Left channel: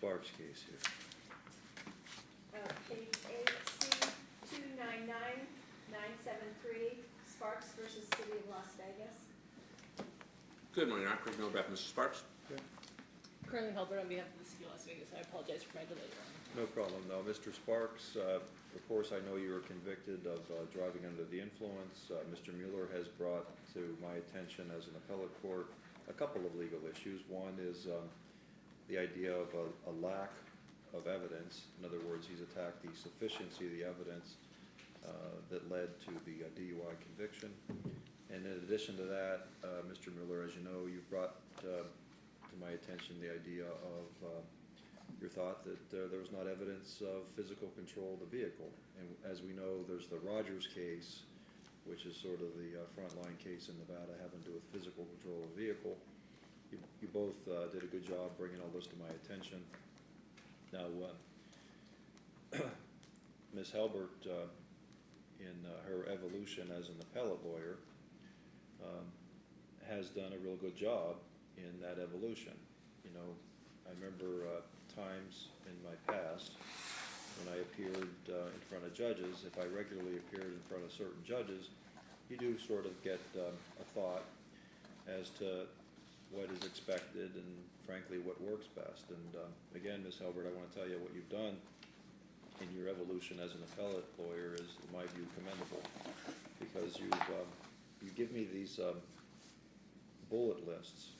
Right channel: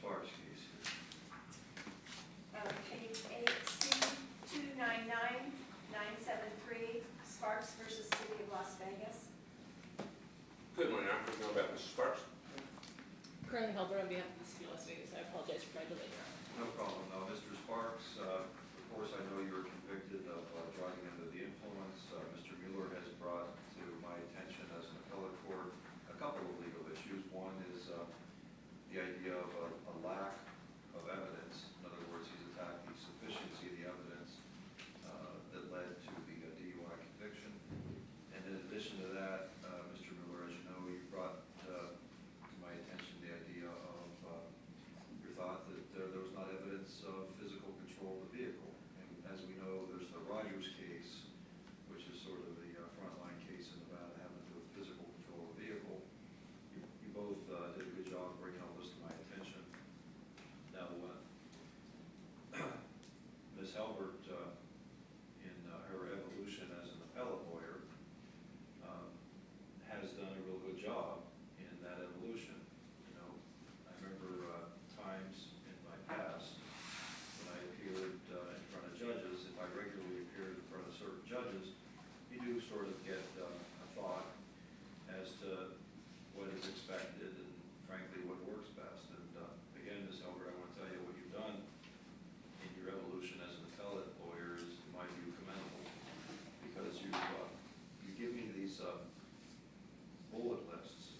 Sparks' case here. Page 8C299973, Sparks versus City of Las Vegas. Good morning, I'm Commissioner Beth. Mr. Sparks? Currently held on behalf of the City of Las Vegas. I apologize for my delay. No problem. Now, Mr. Sparks, of course, I know you were convicted of driving under the influence. Mr. Mueller has brought to my attention as an appellate court a couple of legal issues. One is the idea of a lack of evidence. In other words, he's attacked the sufficiency of the evidence that led to the DUI conviction. And in addition to that, Mr. Mueller, as you know, you brought to my attention the idea of your thought that there was not evidence of physical control of the vehicle. And as we know, there's the Rogers case, which is sort of the frontline case in Nevada having to do with physical control of the vehicle. You both did a good job bringing all this to my attention. Now, Ms. Halbert, in her evolution as an appellate lawyer, has done a real good job in that evolution. You know, I remember times in my past when I appeared in front of judges. If I regularly appeared in front of certain judges, you do sort of get a thought as to what is expected and, frankly, what works best. And again, Ms. Halbert, I want to tell you what you've done in your evolution as an appellate lawyer is, in my view, commendable, because you give me these bullet lists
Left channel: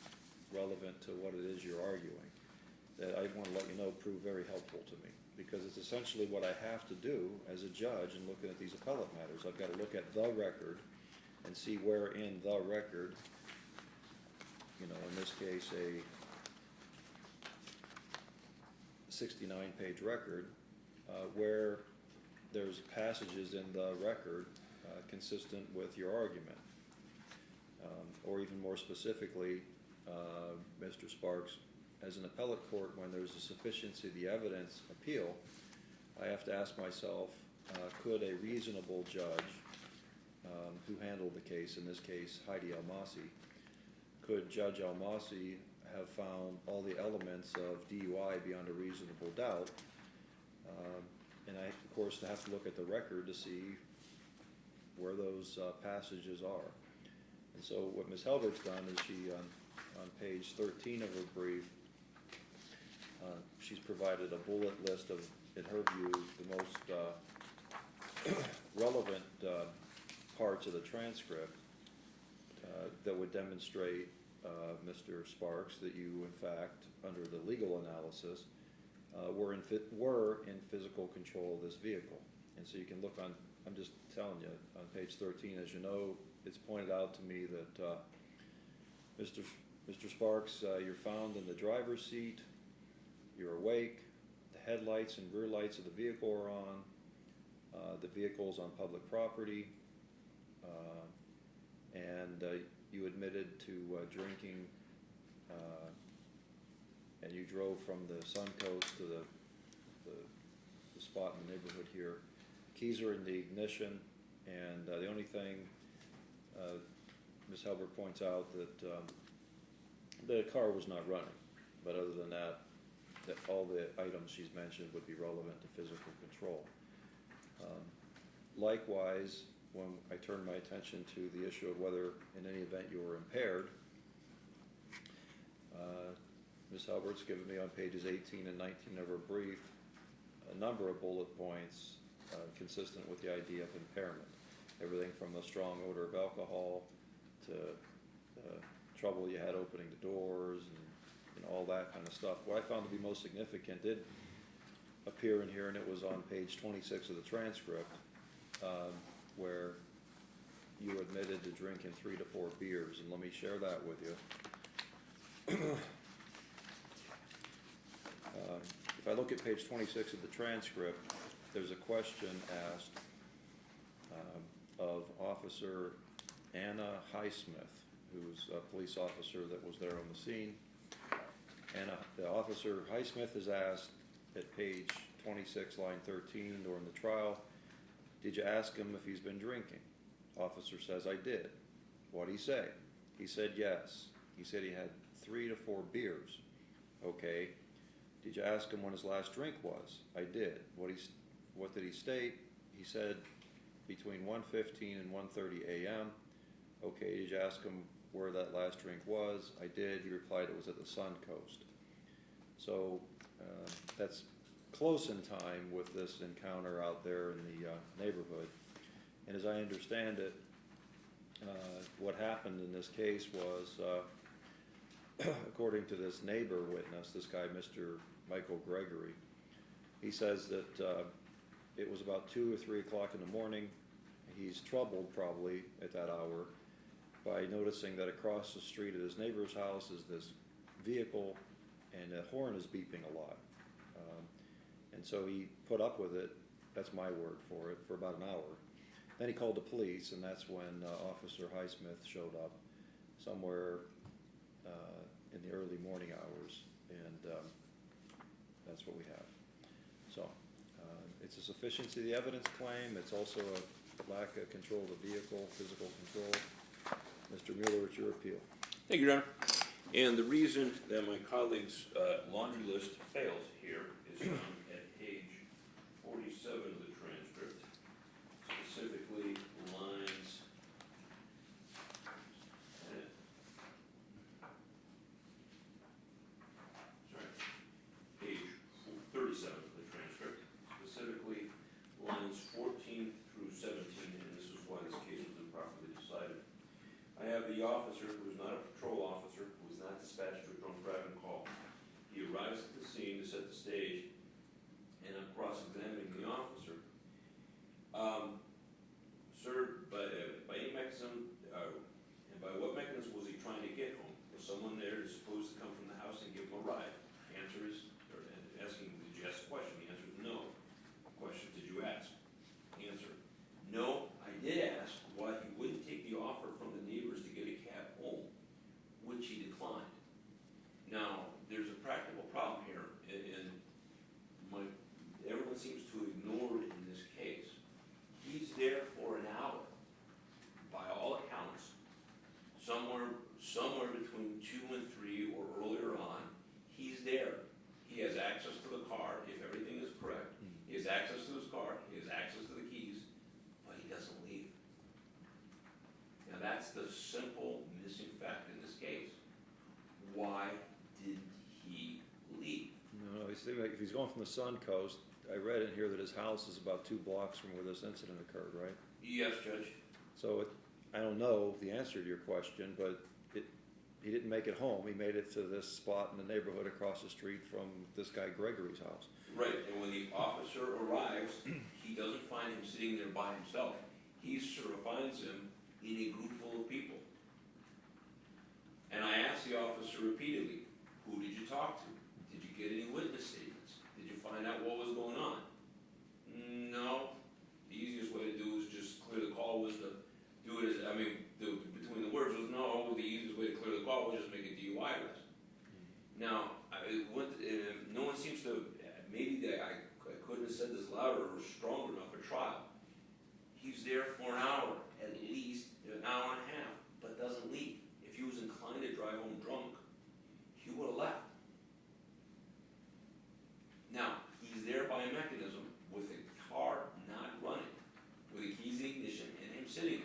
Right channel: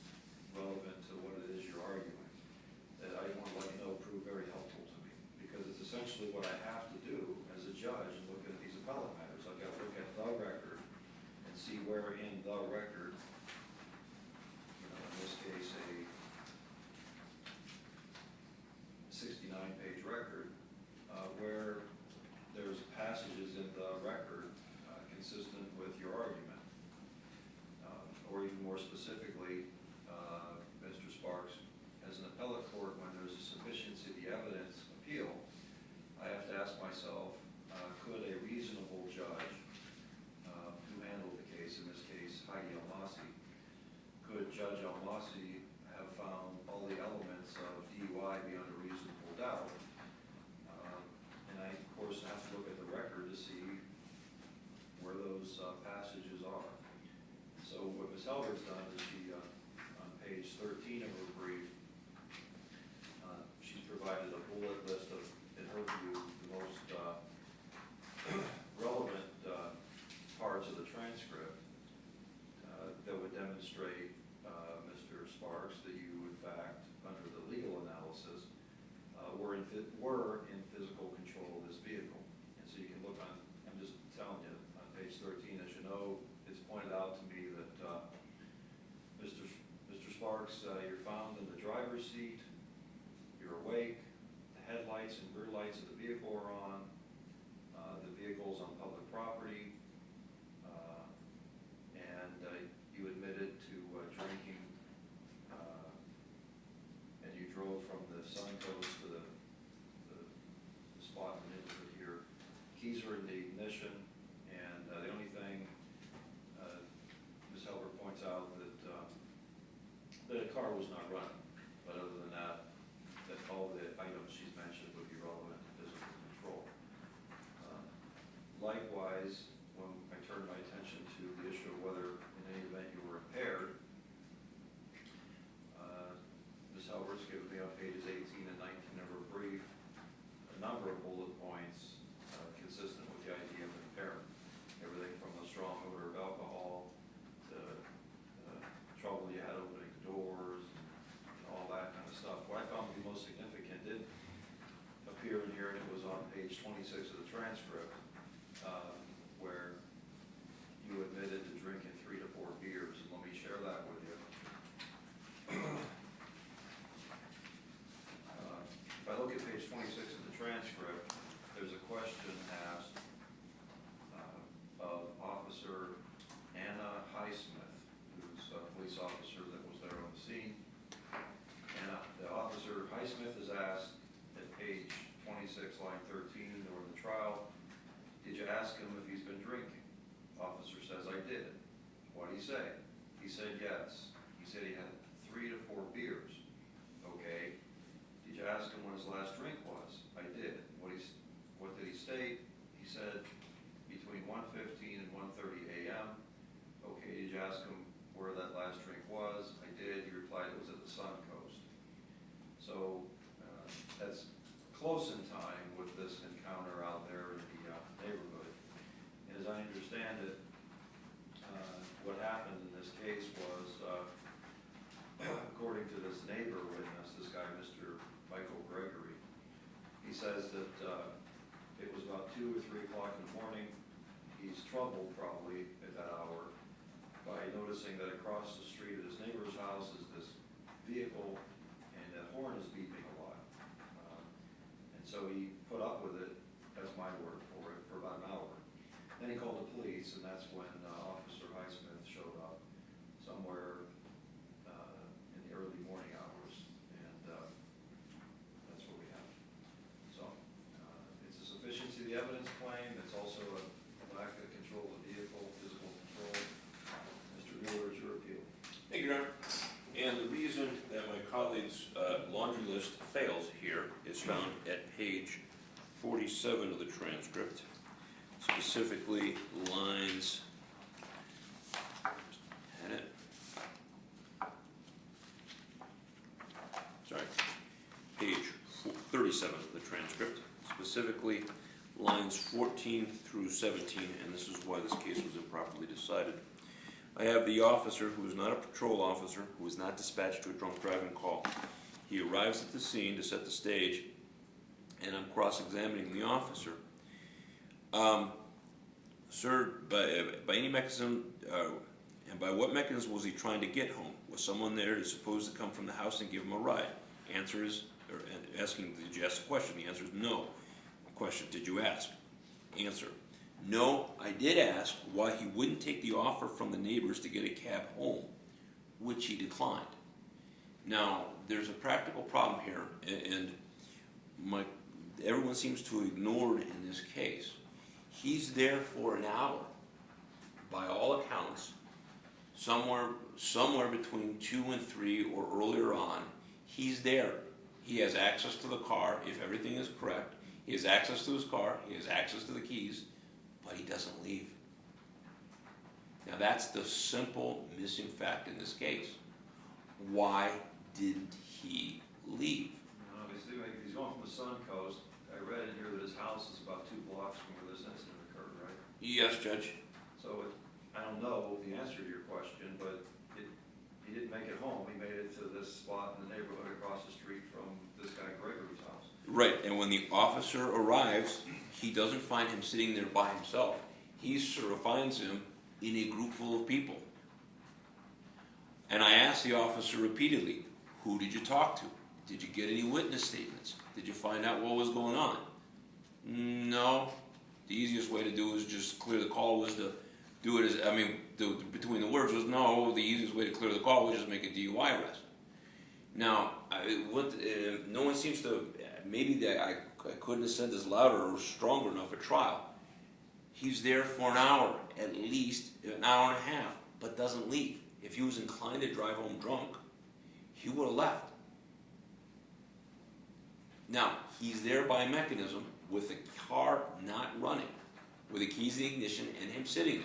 relevant to what it is you're arguing that I want to let you know prove very helpful to me, because it's essentially what I have to do as a judge in looking at these appellate matters. I've got to look at the record and see where in the record, you know, in this case a 69-page record, where there's passages in the record consistent with your argument. Or even more specifically, Mr. Sparks, as an appellate court, when there's a sufficiency of the evidence appeal, I have to ask myself, could a reasonable judge who handled the case, in this case Heidi Almasi, could Judge Almasi have found all the elements of DUI beyond a reasonable doubt? And I, of course, have to look at the record to see where those passages are. So what Ms. Halbert's done is she, on page 13 of her brief, she's provided a bullet list of, in her view, the most relevant parts of the transcript that would demonstrate, Mr. Sparks, that you, in fact, under the legal analysis, were in physical control of this vehicle. And so you can look on, I'm just telling you, on page 13, as you know, it's pointed out to me that Mr. Sparks, you're found in the driver's seat, you're awake, the headlights and rear lights of the vehicle are on, the vehicle's on public property, and you admitted to drinking, and you drove from the Suncoast to the spot in the neighborhood here. Keys are in the ignition, and the only thing Ms. Halbert points out that the car was not running, but other than that, that all the items she's mentioned would be relevant to physical control. Likewise, when I turn my attention to the issue of whether in any event you were impaired, Ms. Halbert's given me on pages 18 and 19 of her brief a number of bullet points consistent with the idea of impairment. Everything from the strong odor of alcohol to trouble you had opening the doors and all that kind of stuff. What I found to be most significant did appear in here, and it was on page 26 of the transcript, where you admitted to drinking 3 to 4 beers, and let me share that with you. If I look at page 26 of the transcript, there's a question asked of Officer Anna Highsmith, who's a police officer that was there on the scene. And the officer Highsmith is asked at page 26, line 13, during the trial, did you ask him if he's been drinking? Officer says, I did. What'd he say? He said yes. He said he had 3 to 4 beers. Okay. Did you ask him when his last drink was? I did. What did he state? He said between 1:15 and 1:30 a.m. Okay, did you ask him where that last drink was? I did. He replied it was at the Sun Coast. So that's close in time with this encounter out there in the neighborhood. And as I understand it, what happened in this case was, according to this neighbor witness, this guy, Mr. Michael Gregory, he says that it was about 2 or 3 o'clock in the morning. He's troubled probably at that hour by noticing that across the street at his neighbor's house is this vehicle and the horn is beeping a lot. And so he put up with it, that's my word for it, for about an hour. Then he called the police, and that's when Officer Highsmith showed up somewhere in the early morning hours, and that's what we have. So it's a sufficiency of the evidence claim. It's also a lack of control of the vehicle, physical control. Mr. Mueller, it's your appeal. Thank you, Your Honor. And the reason that my colleague's laundry list fails here is found at page 47 of the transcript, specifically lines, page 37 of the transcript, specifically lines 14 through 17, and this is why this case was improperly decided. I have the officer, who is not a patrol officer, who was not dispatched to a drunk driving call. He arrives at the scene to set the stage, and I'm cross-examining the officer. Sir, by any mechanism, and by what mechanism was he trying to get home? Was someone there to supposed to come from the house and give him a ride? Answer is, or asking, did you ask a question? The answer is no. Question, did you ask? Answer, no, I did ask why he wouldn't take the offer from the neighbors to get a cab home, which he declined. Now, there's a practical problem here, and everyone seems to ignore it in this case. He's there for an hour, by all accounts, somewhere between 2 and 3 or earlier on. He's there. He has access to the car, if everything is correct. He has access to his car, he has access to the keys, but he doesn't leave. Now that's the simple missing fact in this case. Why didn't he leave? No, he's going from the Sun Coast. I read in here that his house is about 2 blocks from where this incident occurred, right? Yes, Judge. So I don't know the answer to your question, but he didn't make it home. He made it to this spot in the neighborhood across the street from this guy Gregory's house. Right, and when the officer arrives, he doesn't find him sitting there by himself. He sort of finds him in a group full of people. And I asked the officer repeatedly, who did you talk to? Did you get any witness statements? Did you find out what was going on? No. The easiest way to do is just clear the call was to do it as, between the words was no, the easiest way to clear the call was just make a DUI arrest. Now, no one seems to, maybe I couldn't have said this louder or stronger enough at trial. He's there for an hour, at least an hour and a half, but doesn't leave. If he was inclined to drive home drunk, he would have left. Now, he's there by mechanism with the car not running, with the keys in the ignition and him sitting there,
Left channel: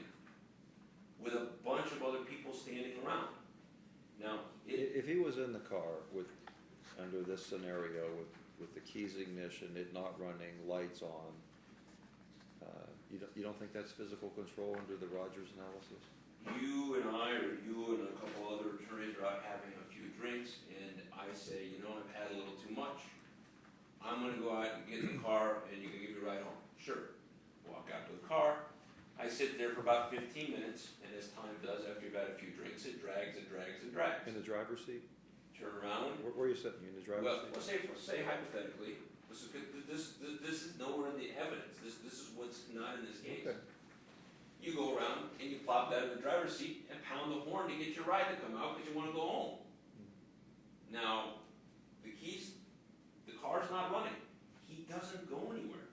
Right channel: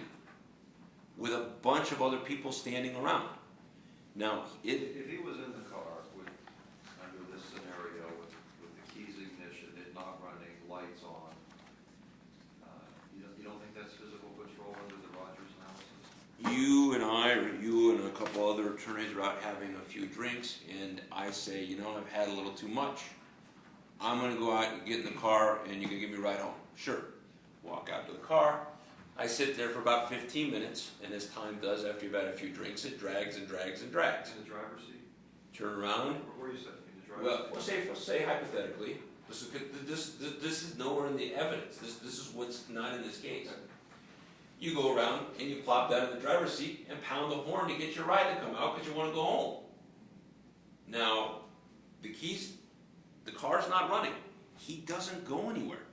with a bunch of other people standing around. Now, if he was in the car under this scenario with the keys ignition, it not running, lights on, you don't think that's physical control under the Rogers analysis? You and I, or you and a couple other attorneys are out having a few drinks, and I say, I've had a little too much. I'm going to go out and get in the car, and you can give me a ride home. Sure. Walk out to the car. I sit there for about 15 minutes, and as time does, after you've had a few drinks, it drags and drags and drags. In the driver's seat? Turn around. Where are you sitting? In the driver's seat? Well, say hypothetically, this is nowhere in the evidence. This is what's not in this case. Okay. You go around and you plop down in the driver's seat and pound the horn to get your ride to come out because you want to go home. Now, the car's not running. He doesn't go anywhere.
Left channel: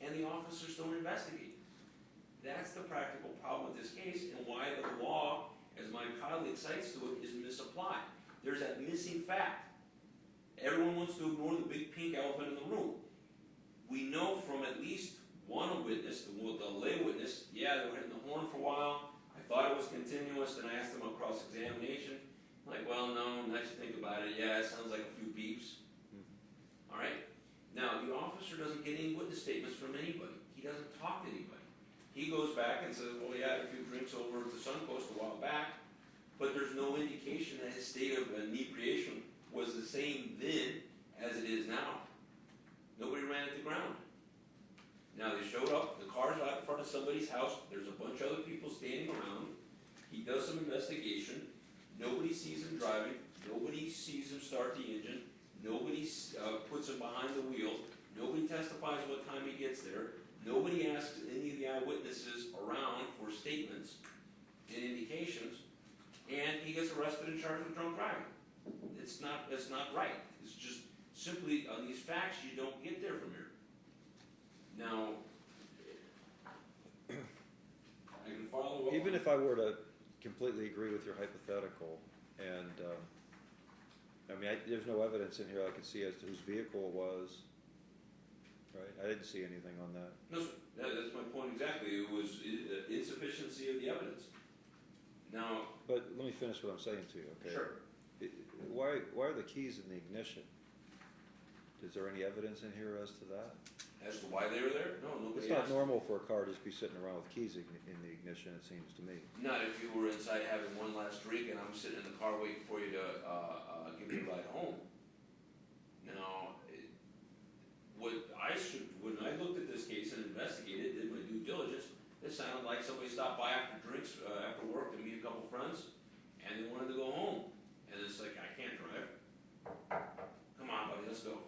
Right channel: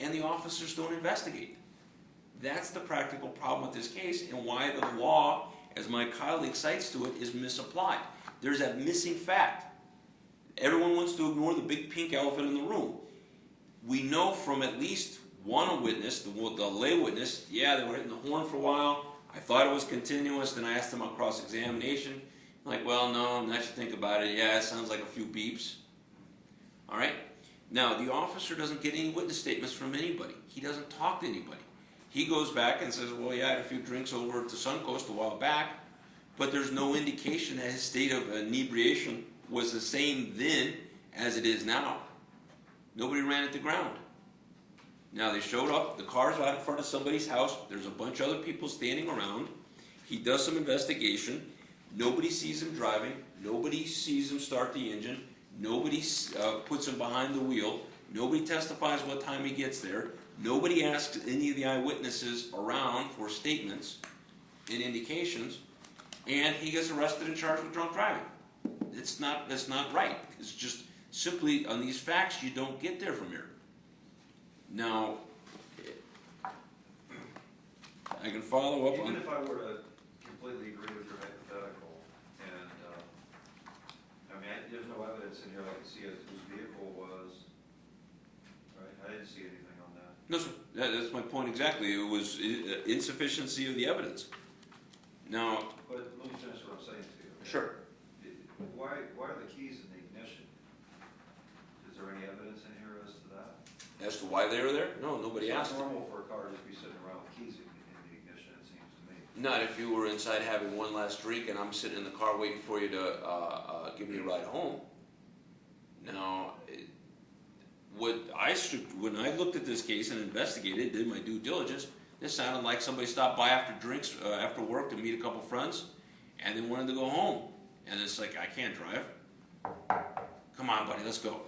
And the officers don't investigate. That's the practical problem with this case and why the law, as my colleague cites to it, is misapplied. There's that missing fact. everyone wants to ignore the big pink elephant in the room. We know from at least one witness, the lay witness, yeah, they were hitting the horn for a while. I thought it was continuous, then I asked them on cross-examination. Like, well, no, now you think about it, yeah, it sounds like a few beeps. All right? Now, the officer doesn't get any witness statements from anybody. He doesn't talk to anybody. He goes back and says, well, yeah, I had a few drinks over at the Suncoast a while back, but there's no indication that his state of inebriation was the same then as it is now. Nobody ran it to ground. Now, they showed up, the car's out in front of somebody's house, there's a bunch of other people standing around. He does some investigation. Nobody sees him driving. Nobody sees him start the engine. Nobody puts him behind the wheel. Nobody testifies what time he gets there. Nobody asks any of the eyewitnesses around for statements and indications. And he gets arrested and charged with drunk driving. That's not right. It's just simply on these facts you don't get there from here. Now, I can follow up Even on... if I were to completely agree with your hypothetical, and, I mean, there's no evidence in here I can see as to whose vehicle it was, right? I didn't see anything on that. No, sir. That's my point exactly. It was insufficiency of the evidence. Now... But let me finish what I'm saying to you. Okay? Sure. Why are the keys in the ignition? Is there any evidence in here as to that? As to why they were there? No, nobody It's not asked. normal for a car to just be sitting around with keys in the ignition, it seems to me. Not if you were inside having one last drink and I'm sitting in the car waiting for you to give me a ride home. Now, when I looked at this case and investigated, did my due diligence, this sounded like somebody stopped by after drinks, after work to meet a couple friends, and then wanted to go home. And it's like, I can't drive. Come on, buddy, let's go.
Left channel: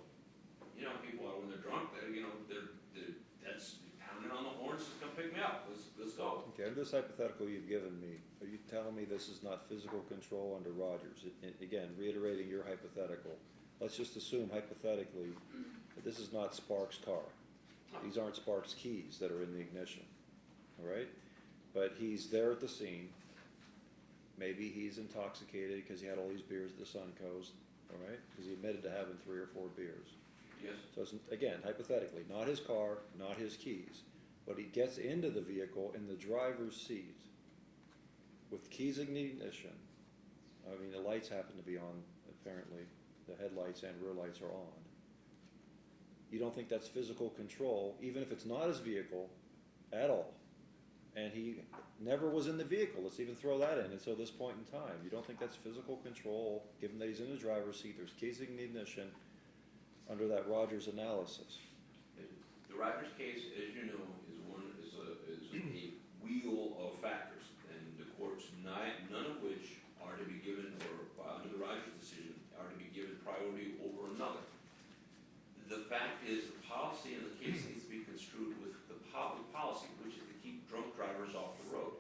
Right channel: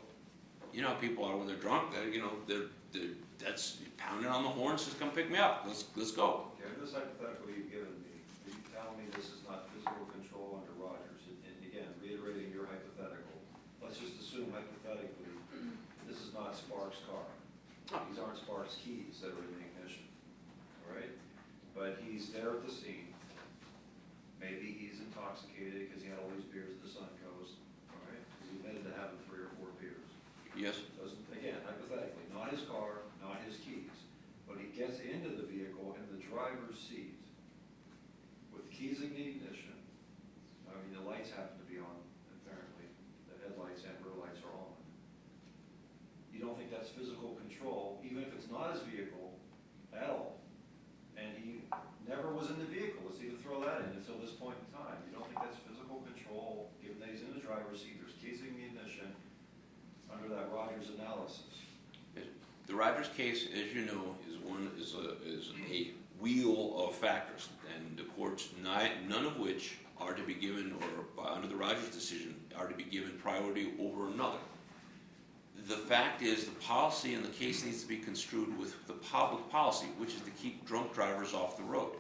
You know how people are when they're drunk. That's pounding on the horn, says, come pick me up. Let's go. Okay, this hypothetical you've given me, are you telling me this is not physical control under Rogers? And again, reiterating your hypothetical, let's just assume hypothetically that this is not Sparks' car. These aren't Sparks' keys that are in the ignition, all right? But he's there at the scene. Maybe he's intoxicated because he had all these beers at the Suncoast, all right? Because he admitted to having 3 or 4 beers. Yes. So it's, again, hypothetically, not his car, not his keys, but he gets into the vehicle in the driver's seat with keys in the ignition. I mean, the lights happen to be on, apparently. The headlights and rear lights are on. You don't think that's physical control, even if it's not his vehicle at all. And he never was in the vehicle. Let's even throw that in until this point in time. You don't think that's physical control, given that he's in the driver's seat, there's keys in the ignition, under that Rogers analysis? The Rogers case, as you know, is a wheel of factors, and the courts, none of which are to be given, or under the Rogers decision, are to be given priority over another. The fact is, the policy in the case needs to be construed with the public policy, which is to keep drunk drivers off the road.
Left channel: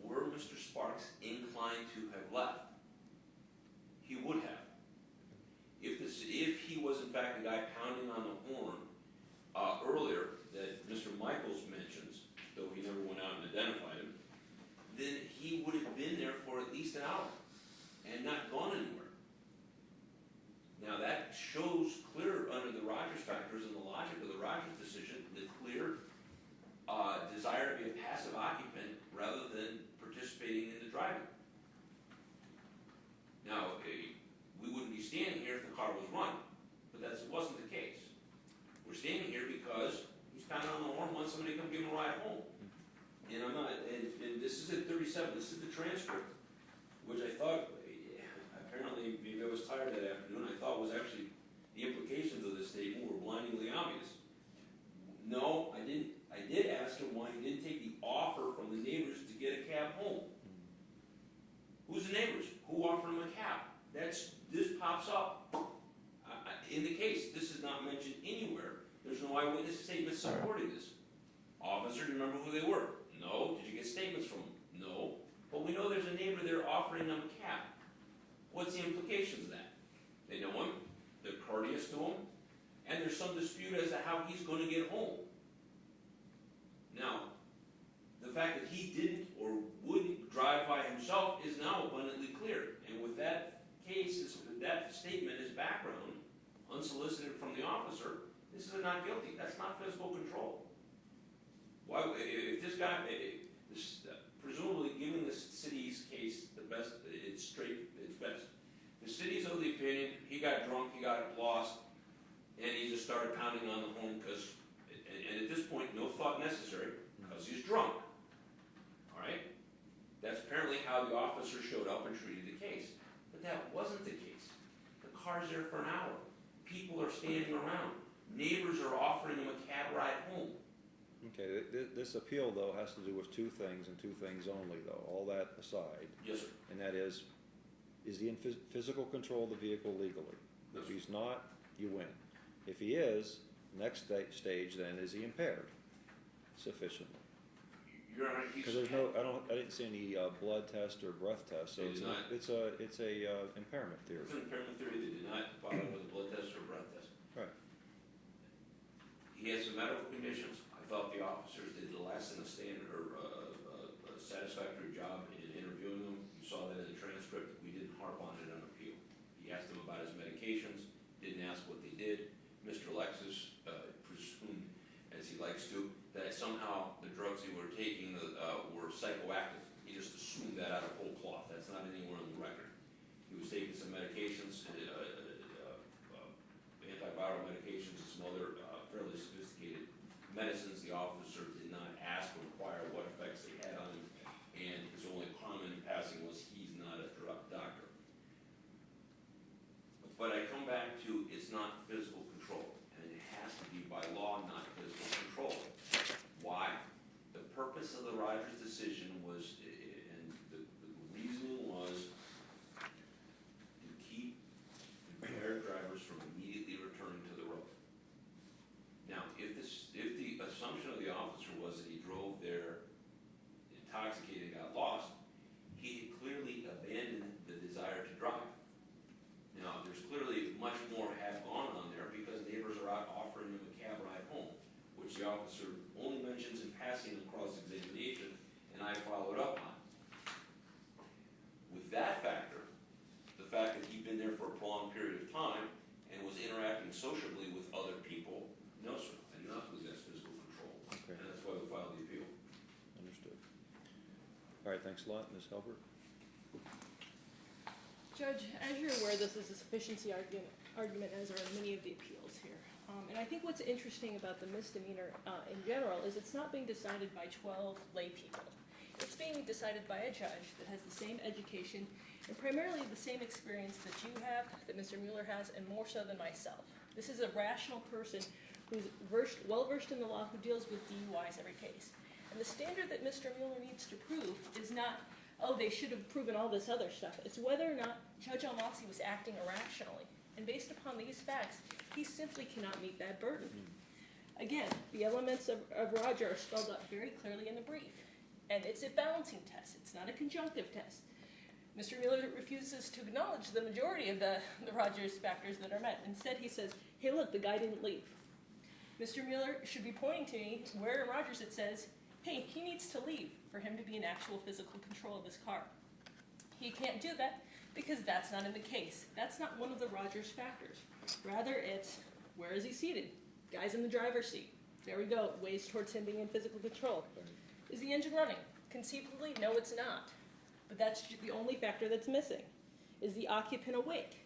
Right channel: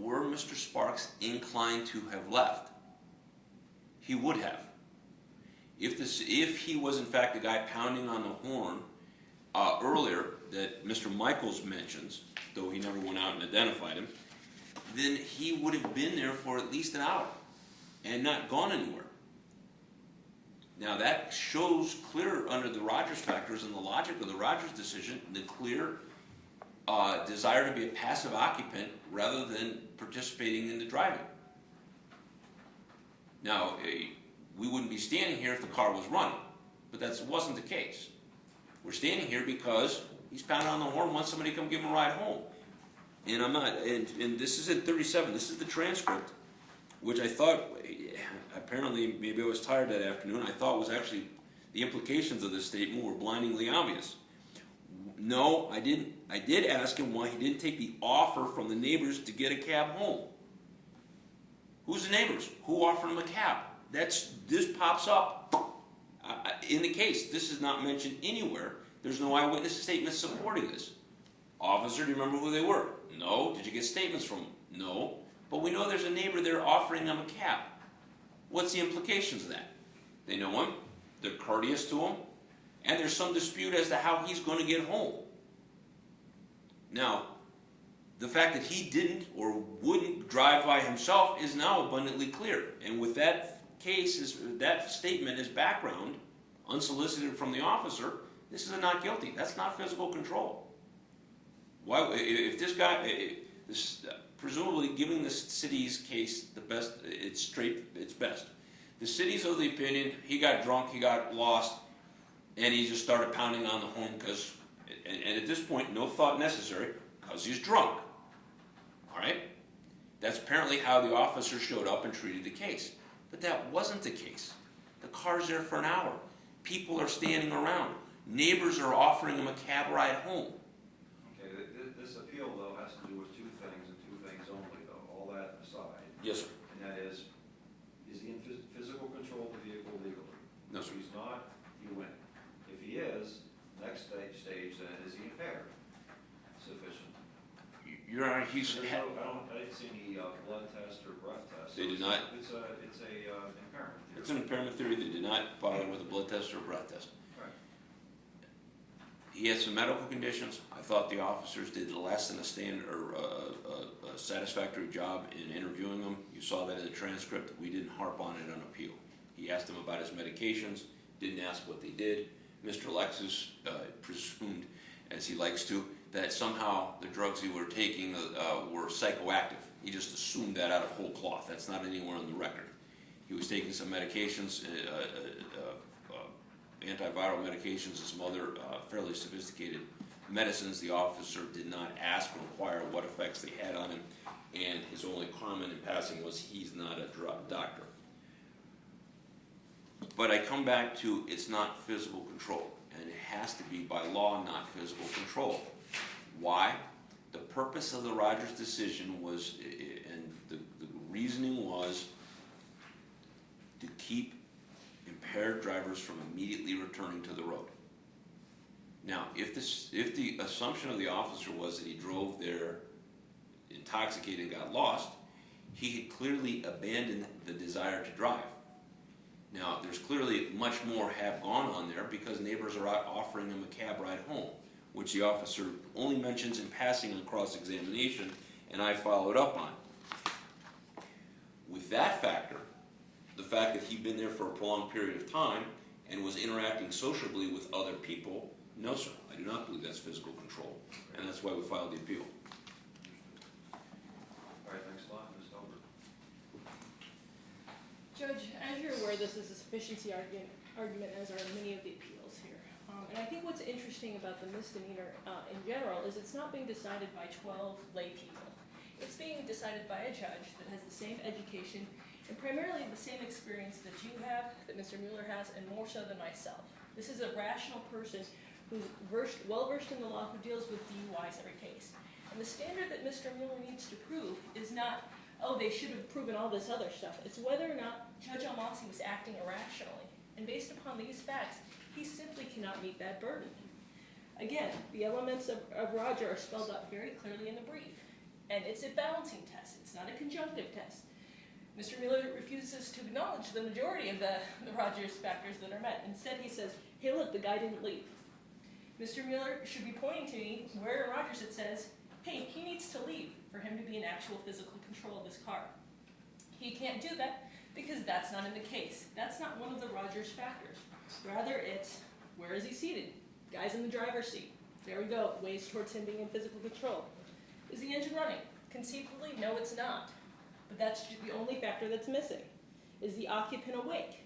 Were Mr. Sparks inclined to have left? He would have. If he was in fact the guy pounding on the horn earlier that Mr. Michaels mentions, though he never went out and identified him, then he would have been there for at least an hour and not gone anywhere. Now that shows clear under the Rogers factors and the logic of the Rogers decision, the clear desire to be a passive occupant rather than participating in the driving. Now, we wouldn't be standing here if the car was running, but that wasn't the case. We're standing here because he's pounding on the horn, wants somebody to come give him a ride home. And I'm not, and this is at 37, this is the transcript, which I thought, apparently, maybe I was tired that afternoon, I thought was actually, the implications of this statement were blindingly obvious. No, I didn't. I did ask him why he didn't take the offer from the neighbors to get a cab home. Who's the neighbors? Who offered him a cab? This pops up in the case. This is not mentioned anywhere. There's no eyewitness statement supporting this. Officer, do you remember who they were? No. Did you get statements from them? No. But we know there's a neighbor there offering them a cab. What's the implications of that? They know him, they're courteous to him, and there's some dispute as to how he's going to get home. Now, the fact that he didn't or wouldn't drive by himself is now abundantly clear. And with that case is, that statement is background, unsolicited from the officer, this is a not guilty. That's not physical control. Why, if this guy, presumably giving the city's case the best, it's best. The city's of the opinion, he got drunk, he got lost, and he just started pounding on the horn because, and at this point, no thought necessary, because he's drunk. All right? That's apparently how the officer showed up and treated the case. But that wasn't the case. The car's there for an hour. People are standing around. Neighbors are offering him a cab ride home. Okay, this appeal, though, has to do with two things, and two things only, though, all that aside. Yes, sir. And that is he in physical control of the vehicle legally? No, If sir. he's not, you win. If he is, next stage then, is he impaired? Sufficient. Your Honor, he's So there's I didn't see any blood test or breath test. So They did not. It's a impairment theory. It's an impairment theory. They did not bother with a blood test or a breath test. Right. He had some medical conditions. I thought the officers did less than a standard or a satisfactory job in interviewing him. You saw that in the transcript. We didn't harp on it on appeal. He asked them about his medications, didn't ask what they did. Mr. Alexis presumed, as he likes to, that somehow the drugs he were taking were psychoactive. He just assumed that out of whole cloth. That's not anywhere on the record. He was taking some medications, antiviral medications and some other fairly sophisticated medicines. The officer did not ask or inquire what effects they had on him, and his only comment in passing was, he's not a drug doctor. But I come back to, it's not physical control, and it has to be by law, not physical control. Why? The purpose of the Rogers decision was, and the reasoning was, to keep impaired drivers from immediately returning to the road. Now, if the assumption of the officer was that he drove there intoxicated and got lost, he had clearly abandoned the desire to drive. Now, there's clearly much more have gone on there because neighbors are out offering him a cab ride home, which the officer only mentions in passing in cross-examination, and I followed up on. With that factor, the fact that he'd been there for a prolonged period of time and was interacting sociably with other people, no, sir, I do not believe that's physical control, and that's why we filed the appeal. Understood. All right, thanks a lot, Ms. Albert. Judge, as you're aware, this is a sufficiency argument, as are many of the appeals here. And I think what's interesting about the misdemeanor in general is it's not being decided by 12 lay people. It's being decided by a judge that has the same education and primarily the same experience that you have, that Mr. Mueller has, and more so than myself. This is a rational person who's well-versed in the law, who deals with DUIs every case. And the standard that Mr. Mueller needs to prove is not, oh, they should have proven all this other stuff. It's whether or not Judge Almasi was acting irrationally. And based upon these facts, he simply cannot meet that burden. Again, the elements of Roger are spelled out very clearly in the brief. And it's a balancing test. It's not a conjunctive test. Mr. Mueller refuses to acknowledge the majority of the Rogers factors that are met. Instead, he says, hey, look, the guy didn't leave. Mr. Mueller should be pointing to me where in Rogers it says, hey, he needs to leave for him to be in actual physical control of this car. He can't do that because that's not in the case. That's not one of the Rogers factors. Rather, it's where is he seated? Guy's in the driver's seat. There we go, ways towards him being in physical control. Is the engine running? Conceivably, no, it's not. But that's the only factor that's missing. Is the occupant awake?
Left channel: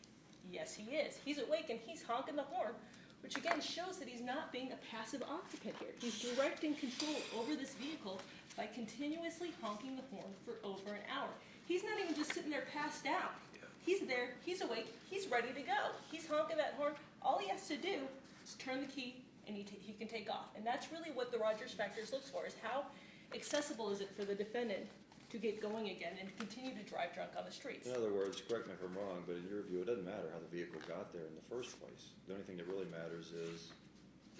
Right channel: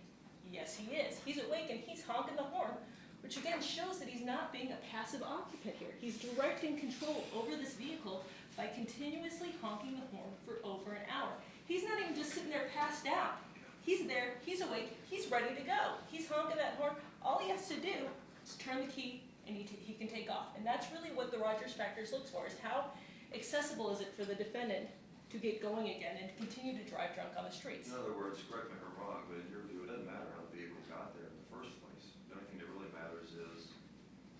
Yes, he is. He's awake and he's honking the horn, which again shows that he's not being a passive occupant here. He's directing control over this vehicle by continuously honking the horn for over an hour. He's not even just sitting there passed out. He's there, he's awake, he's ready to go. He's honking that horn. All he has to do is turn the key and he can take off. And that's really what the Rogers factors looks for, is how accessible is it for the defendant to get going again and continue to drive drunk on the streets. In other words, correct me if I'm wrong, but in your view, it doesn't matter how the vehicle got there in the first place. The only thing that really matters is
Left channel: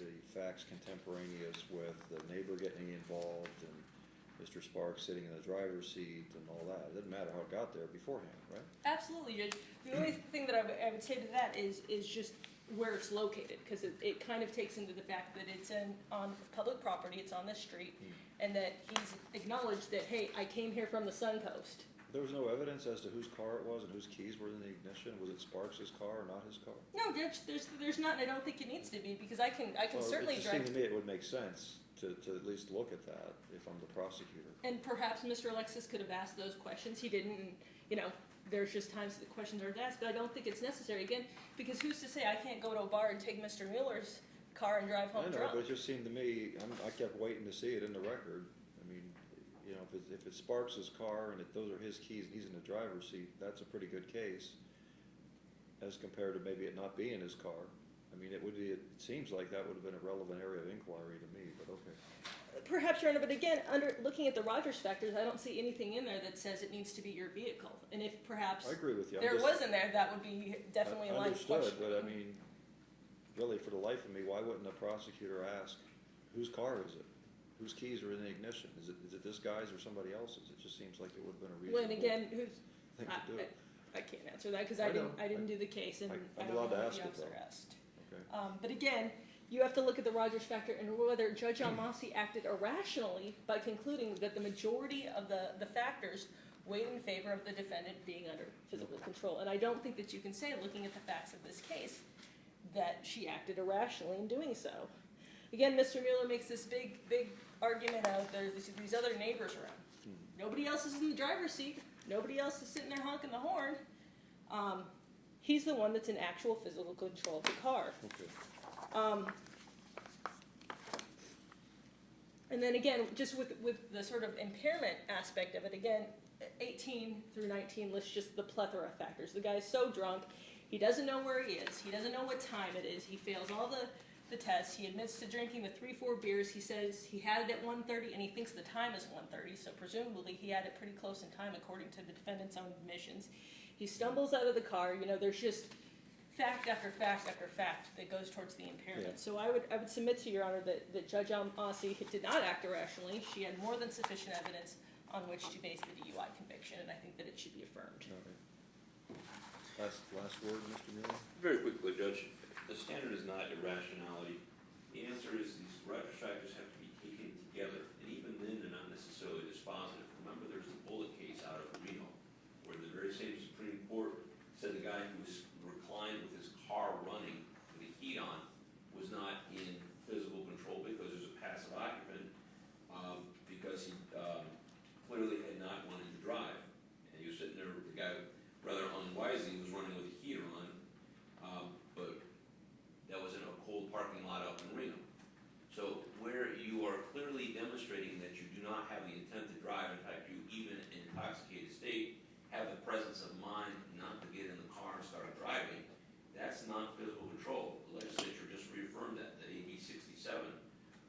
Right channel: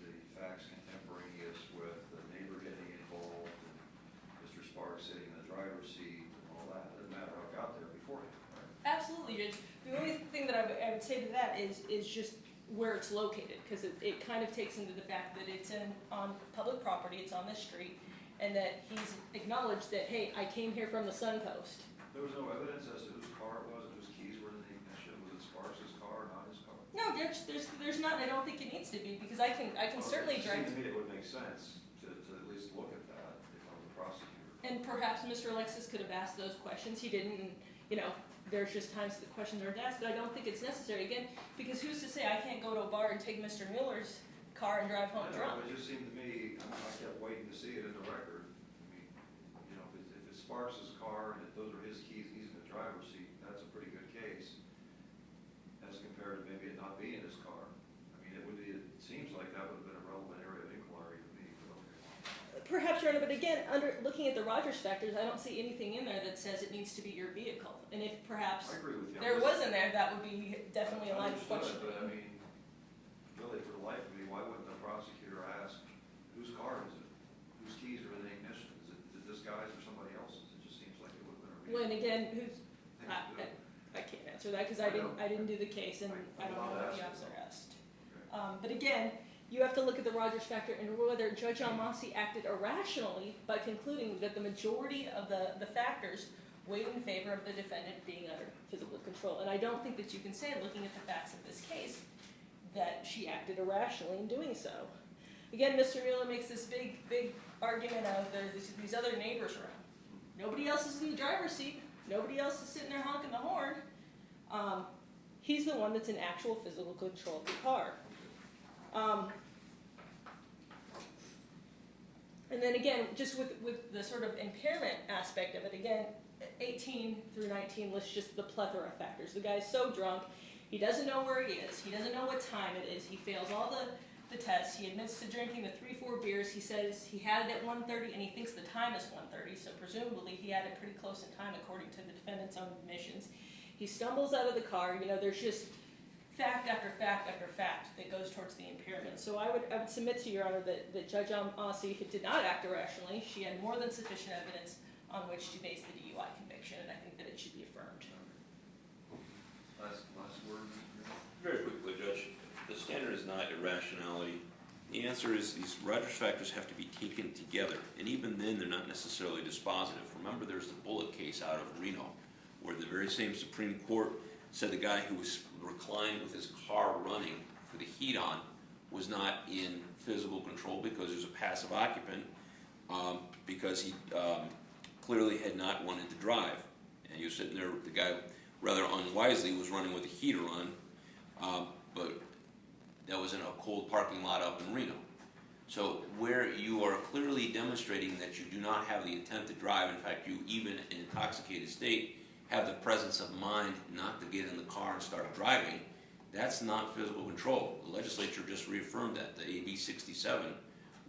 the facts contemporaneous with the neighbor getting involved and Mr. Sparks sitting in the driver's seat and all that. It doesn't matter how it got there beforehand, right? Absolutely, Judge. The only thing that I would say to that is just where it's located, because it kind of takes into the fact that it's on public property, it's on the street, and that he's acknowledged that, hey, I came here from the Sun Coast. There was no evidence as to whose car it was and whose keys were in the ignition car or not his car? No, Judge, there's not, and I don't think it needs to be, because I can Well, certainly It drive. just seemed to me it would make sense to at least look at that if I'm the prosecutor. And perhaps Mr. Alexis could have asked those questions. He didn't, and, you know, there's just times that questions aren't asked, but I don't think it's necessary, again, because who's to say I can't go to a bar and take Mr. Mueller's car and drive home I know, drunk? but it just seemed to me, I kept waiting to see it in the record. I mean, you know, if it's Sparks' car and those are his keys, he's in the driver's seat, that's a pretty good case. As compared to maybe it not being his car. I mean, it seems like that would have been a relevant area of inquiry to me, but okay. Perhaps, Your Honor, but again, looking at the Rogers factors, I don't see anything in there that says it needs to be your vehicle. And if perhaps I agree with you. there was in there, that would be definitely a line of Understood, questioning. but I mean, really, for the life of me, why wouldn't the prosecutor ask, whose car is it? Whose keys are in the ignition? Is it this guy's or somebody else's? It just seems like it would have been a reasonable Well, and again, thing to do. I can't answer that, because I I know. didn't do the case, and I I'm don't know allowed to what the ask it, officer though. asked. Okay. But again, you have to look at the Rogers factor and whether Judge Almasi acted irrationally by concluding that the majority of the factors weighed in favor of the defendant being under physical control. And I don't think that you can say, looking at the facts of this case, that she acted irrationally in doing so. Again, Mr. Mueller makes this big argument of there's these other neighbors around. Nobody else is in the driver's seat. Nobody else is sitting there honking the horn. He's the one that's in actual physical control of the car. Okay. And then again, just with the sort of impairment aspect of it, again, 18 through 19 lists just the plethora of factors. The guy's so drunk, he doesn't know where he is. He doesn't know what time it is. He fails all the tests. He admits to drinking the 3-4 beers. He says he had it at 1:30 and he thinks the time is 1:30, so presumably he had it pretty close in time according to the defendant's own admissions. He stumbles out of the car. You know, there's just fact after fact after fact that goes towards the impairment. So I would submit to Your Honor that Judge Almasi did not act irrationally. She had more than sufficient evidence on which to base the DUI conviction, and I think that it should be affirmed. Last word, Mr. Mueller? Very quickly, Judge, the standard is not irrationality. The answer is these Rogers factors have to be taken together, and even then they're not necessarily dispositive. Remember, there's the Bullet case out of Reno, where the very same Supreme Court said the guy who was reclined with his car running for the heat on was not in physical control because he was a passive occupant, because he clearly had not wanted to drive. And he was sitting there, the guy rather unwisely was running with the heater on, but that was in a cold parking lot up in Reno. So where you are clearly demonstrating that you do not have the intent to drive, in fact you even in intoxicated state have the presence of mind not to get in the car and start driving, that's not physical control. The legislature just reaffirmed that. The AB 67,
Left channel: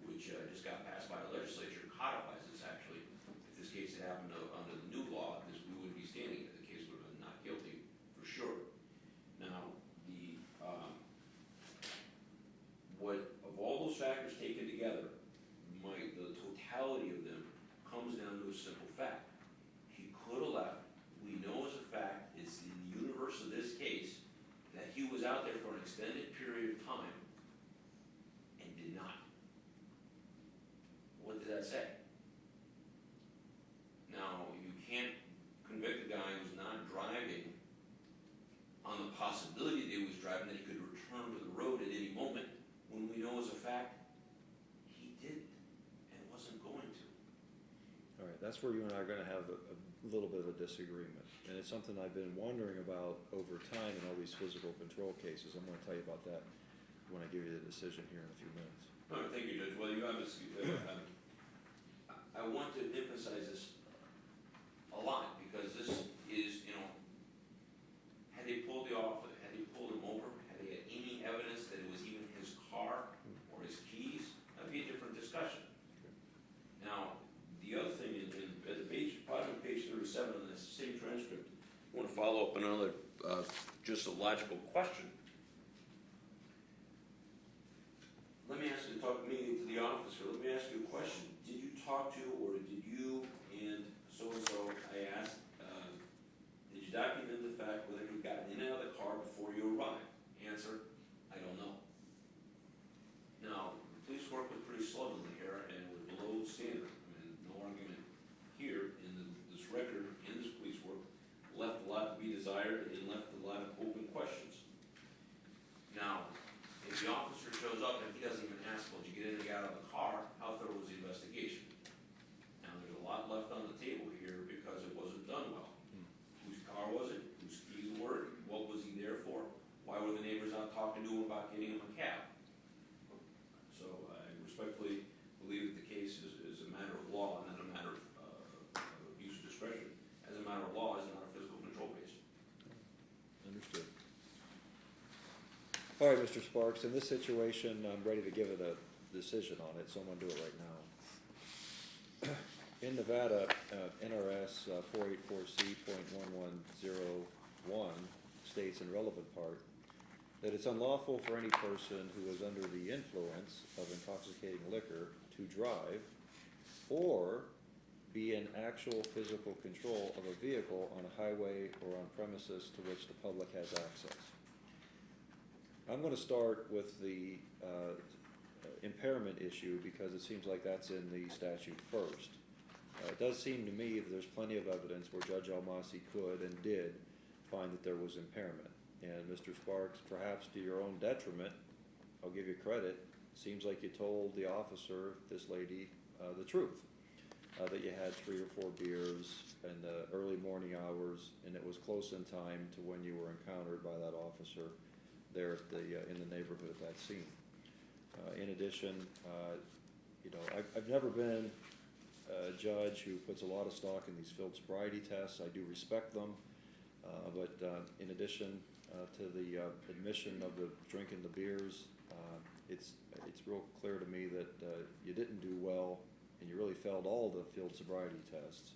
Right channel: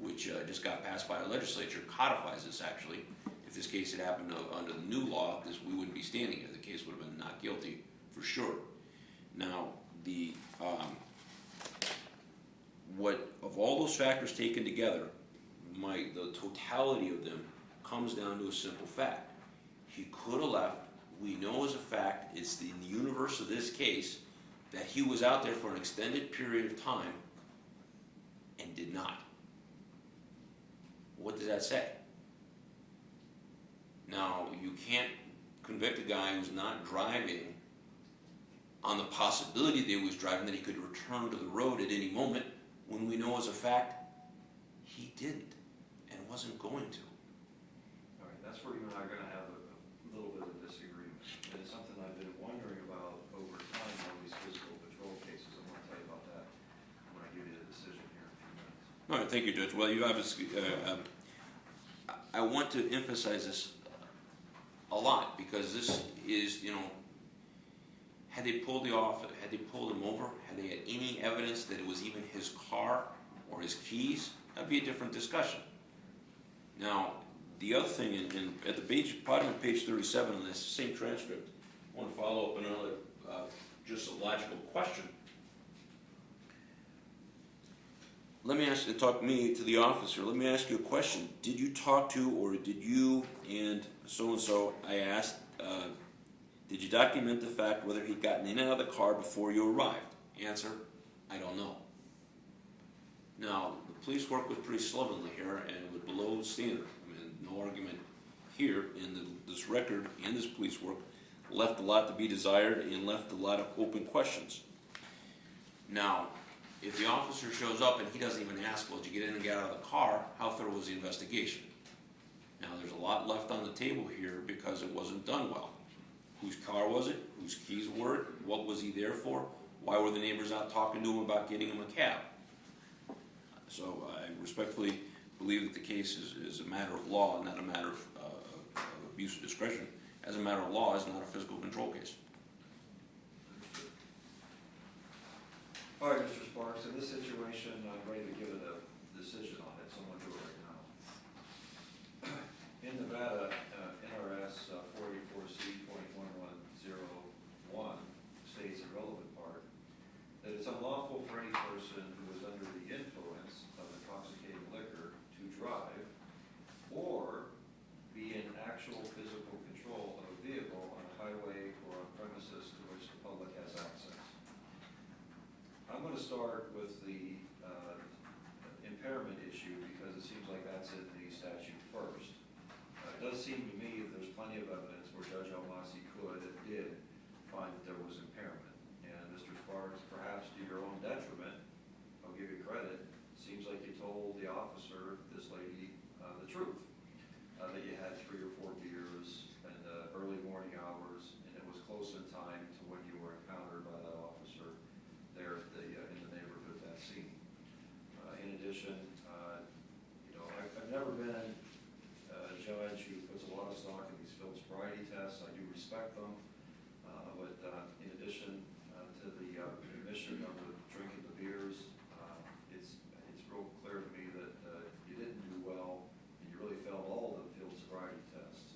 which just got passed by the legislature, codifies this actually. If this case had happened under the new law, we wouldn't be standing here. The case would have been not guilty for sure. Now, the of all those factors taken together, the totality of them comes down to a simple fact. He could have left. We know as a fact, it's in the universe of this case, that he was out there for an extended period of time and did not. What does that say? Now, you can't convict a guy who's not driving on the possibility that he was driving, that he could return to the road at any moment, when we know as a fact, he didn't and wasn't going to. All right, that's where you and I are going to have a little bit of a disagreement. And it's something I've been wondering about over time in all these physical control cases. I'm going to tell you about that when I give you the decision here in a few minutes. All right, thank you, Judge. Well, you obviously, I want to emphasize this a lot because this is, you know, had they pulled him over, had they had any evidence that it was even his car or his keys, that'd be a different discussion. Now, the other thing, at the bottom of page 37 of this same transcript, I want to follow up another, just a logical question. Let me ask you, talk me to the officer, let me ask you a question. Did you talk to, or did you and so-and-so, I asked, did you document the fact whether he'd gotten in and out of the car before you arrived? Answer, I don't know. Now, the police work was pretty slovenly here, and it was below standard. I mean, no argument here in this record, and this police work, left a lot to be desired and left a lot of open questions. Now, if the officer shows up and he doesn't even ask, well, did you get in and get out of the car, how thorough was the investigation? Now, there's a lot left on the table here because it wasn't done well. Whose car was it? Whose keys were it? What was he there for? Why were the neighbors out talking to him about getting him a cab? So I respectfully believe that the case is a matter of law, not a matter of abuse of discretion. As a matter of law, it's not a physical control case. Understood. All right, Mr. Sparks, in this situation, I'm ready to give it a decision on it, so I'm gonna do it right now. In Nevada, NRS 484C.1101 states in relevant part that it's unlawful for any person who is under the influence of intoxicating liquor to drive or be in actual physical control of a vehicle on a highway or on premises to which the public has access. I'm going to start with the impairment issue because it seems like that's in the statute first. It does seem to me that there's plenty of evidence where Judge Almasi could and did find that there was impairment. And Mr. Sparks, perhaps to your own detriment, I'll give you credit, seems like you told the officer, this lady, the truth. That you had 3 or 4 beers in the early morning hours, and it was close in time to when you were encountered by that officer there at in the neighborhood at that scene. In addition, I've never been a judge who puts a lot of stock in these field sobriety tests. I do respect them, but in addition to the admission of the drinking the beers, it's real clear to me that you didn't do well, and you really failed all the field sobriety tests.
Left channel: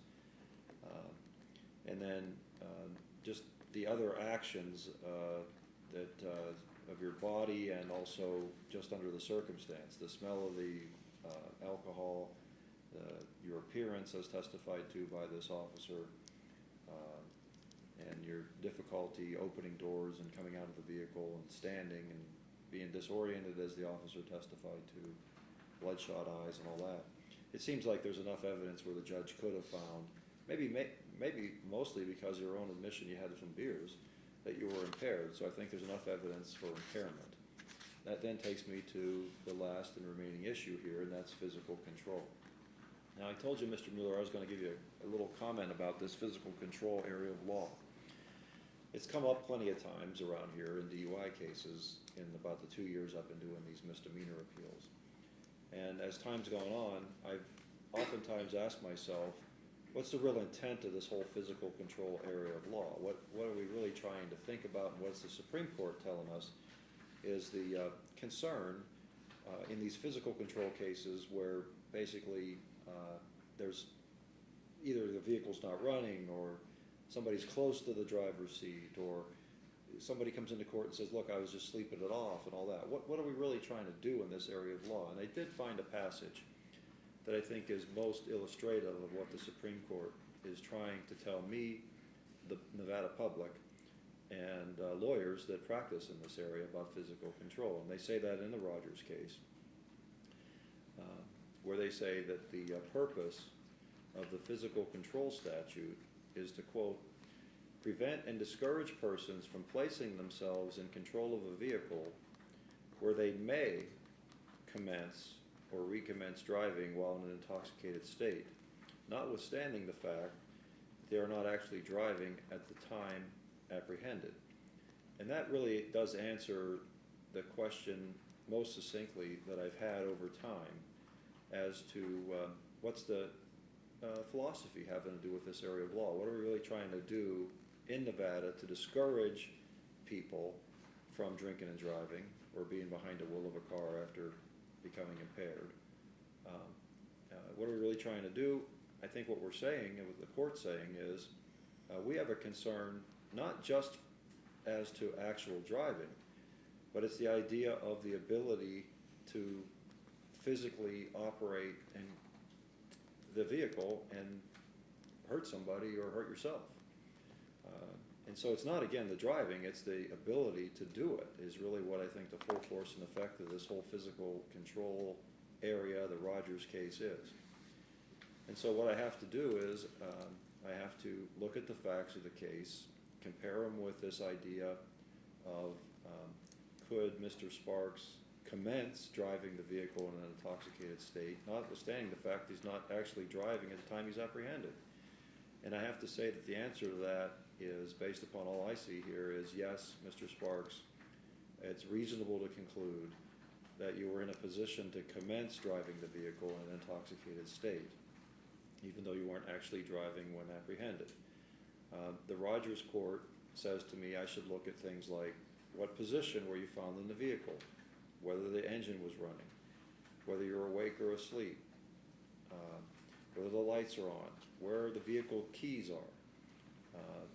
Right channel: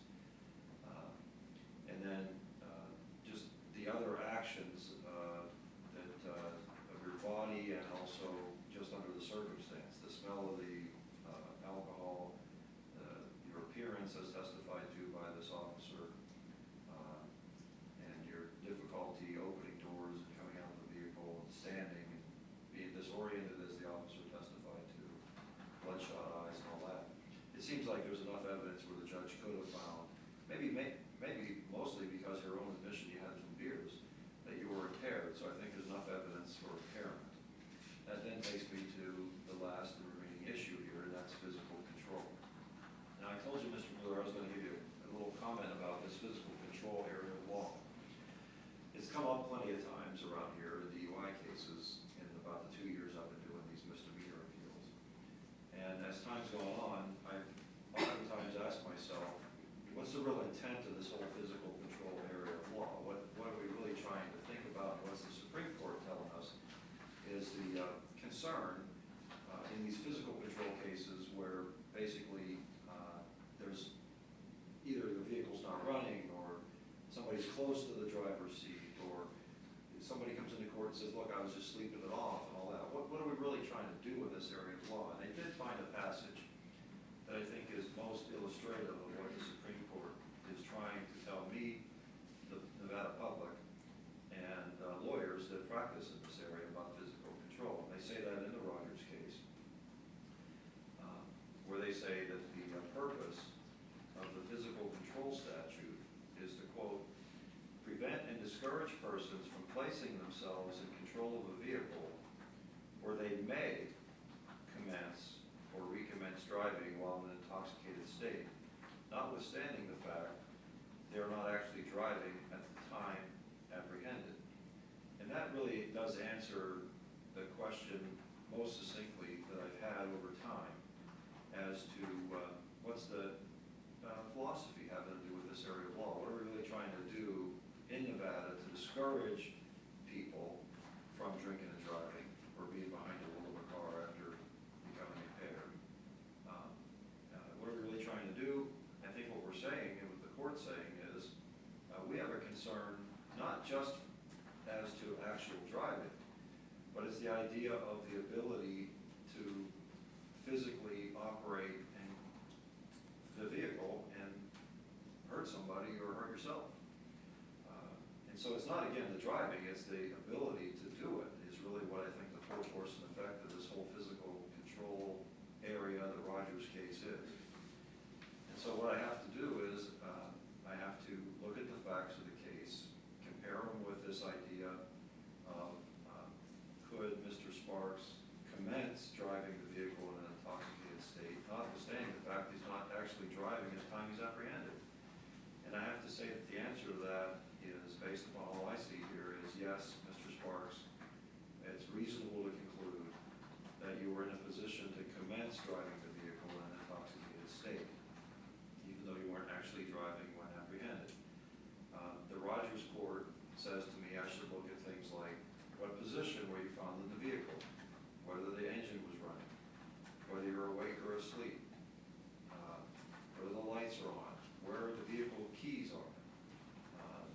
And then just the other actions that of your body and also just under the circumstance, the smell of the alcohol, your appearance as testified to by this officer, and your difficulty opening doors and coming out of the vehicle and standing and being disoriented as the officer testified to, bloodshot eyes and all that. It seems like there's enough evidence where the judge could have found, maybe mostly because your own admission you had some beers, that you were impaired. So I think there's enough evidence for impairment. That then takes me to the last and remaining issue here, and that's physical control. Now I told you, Mr. Mueller, I was going to give you a little comment about this physical control area of law. It's come up plenty of times around here in DUI cases in about the 2 years I've been doing these misdemeanor appeals. And as time's gone on, I've oftentimes asked myself, what's the real intent of this whole physical control area of law? What are we really trying to think about? And what's the Supreme Court telling us is the concern in these physical control cases where basically there's either the vehicle's not running or somebody's close to the driver's seat or somebody comes into court and says, look, I was just sleeping it off and all that. What are we really trying to do in this area of law? And they did find a passage that I think is most illustrative of what the Supreme Court is trying to tell me, the Nevada public, and lawyers that practice in this area about physical control. And they say that in the Rogers case, where they say that the purpose of the physical control statute is to, quote, prevent and discourage persons from placing themselves in control of a vehicle where they may commence or recommence driving while in an intoxicated state, notwithstanding the fact they are not actually driving at the time apprehended. And that really does answer the question most succinctly that I've had over time as to what's the philosophy having to do with this area of law. What are we really trying to do in Nevada to discourage people from drinking and driving or being behind the wheel of a car after becoming impaired? What are we really trying to do? I think what we're saying, and what the court's saying is, we have a concern not just as to actual driving, but it's the idea of the ability to physically operate in the vehicle and hurt somebody or hurt yourself. And so it's not, again, the driving, it's the ability to do it is really what I think the full force and effect of this whole physical control area, the Rogers case is. And so what I have to do is I have to look at the facts of the case, compare them with this idea of could Mr. Sparks commence driving the vehicle in an intoxicated state, notwithstanding the fact he's not actually driving at the time he's apprehended? And I have to say that the answer to that is, based upon all I see here, is yes, Mr. Sparks, it's reasonable to conclude that you were in a position to commence driving the vehicle in an intoxicated state, even though you weren't actually driving when apprehended. The Rogers court says to me I should look at things like what position were you found in the vehicle, whether the engine was running, whether you're awake or asleep, whether the lights are on, where the vehicle keys are,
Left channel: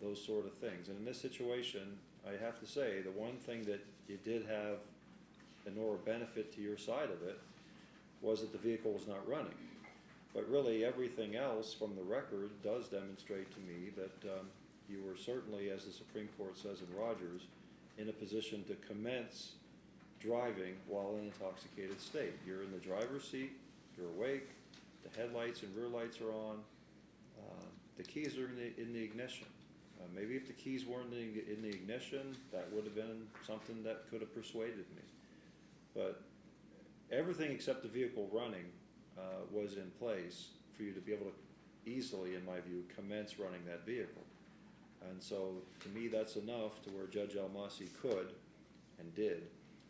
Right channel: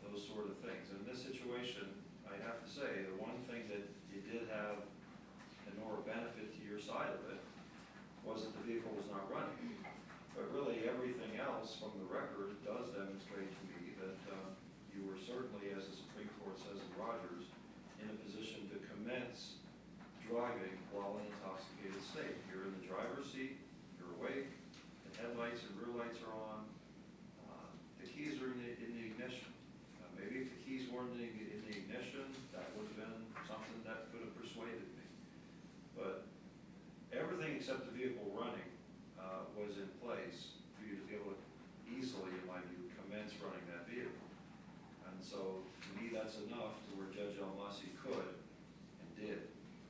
those sort of things. And in this situation, I have to say, the one thing that you did have an or benefit to your side of it was that the vehicle was not running. But really everything else from the record does demonstrate to me that you were certainly, as the Supreme Court says in Rogers, in a position to commence driving while in intoxicated state. You're in the driver's seat, you're awake, the headlights and rear lights are on, the keys are in the ignition. Maybe if the keys weren't in the ignition, that would have been something that could have persuaded me. But everything except the vehicle running was in place for you to be able to easily, in my view, commence running that vehicle. And so, to me, that's enough to where Judge Almasi could, and did,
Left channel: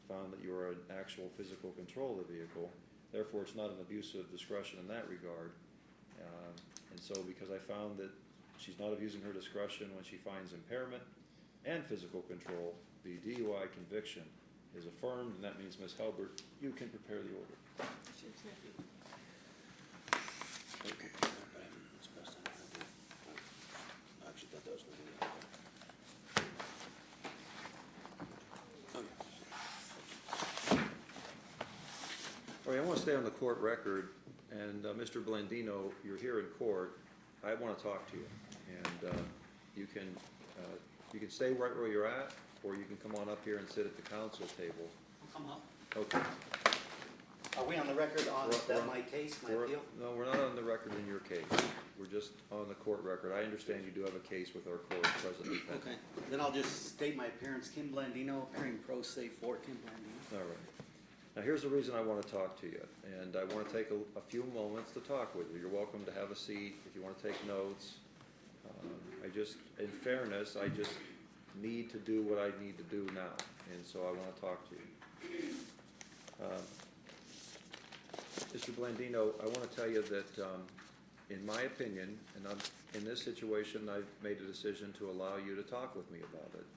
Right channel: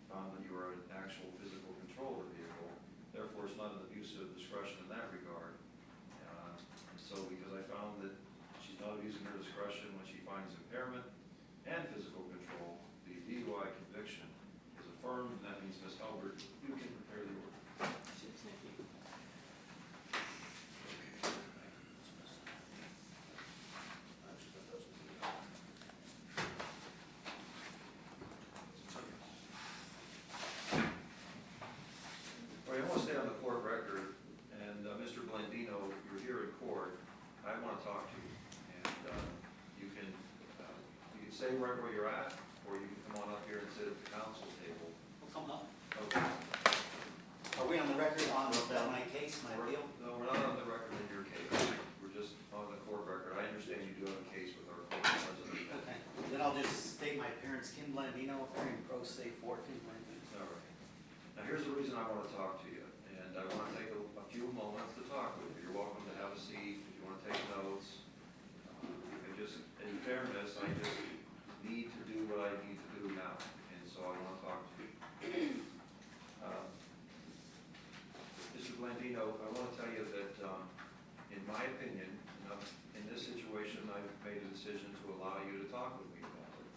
found that you were in actual physical control of the vehicle. Therefore, it's not an abuse of discretion in that regard. And so, because I found that she's not abusing her discretion when she finds impairment and physical control, the DUI conviction is affirmed, and that means, Ms. Halbert, you can prepare the order. Thank you. All right, I want to stay on the court record, and Mr. Blandino, you're here in court. I want to talk to you, and you can stay right where you're at, or you can come on up here and sit at the council table. I'll come up. Okay. Are we on the record on my case, my appeal? No, we're not on the record in your case. We're just on the court record. I understand you do have a case with our court president. Okay, then I'll just state my appearance, Kim Blandino, appearing pro se for Kim Blandino. All right. Now, here's the reason I want to talk to you, and I want to take a few moments to talk with you. You're welcome to have a seat if you want to take notes. In fairness, I just need to do what I need to do now, and so I want to talk to you. Mr. Blandino, I want to tell you that, in my opinion, and in this situation, I've made a decision to allow you to talk with me about it.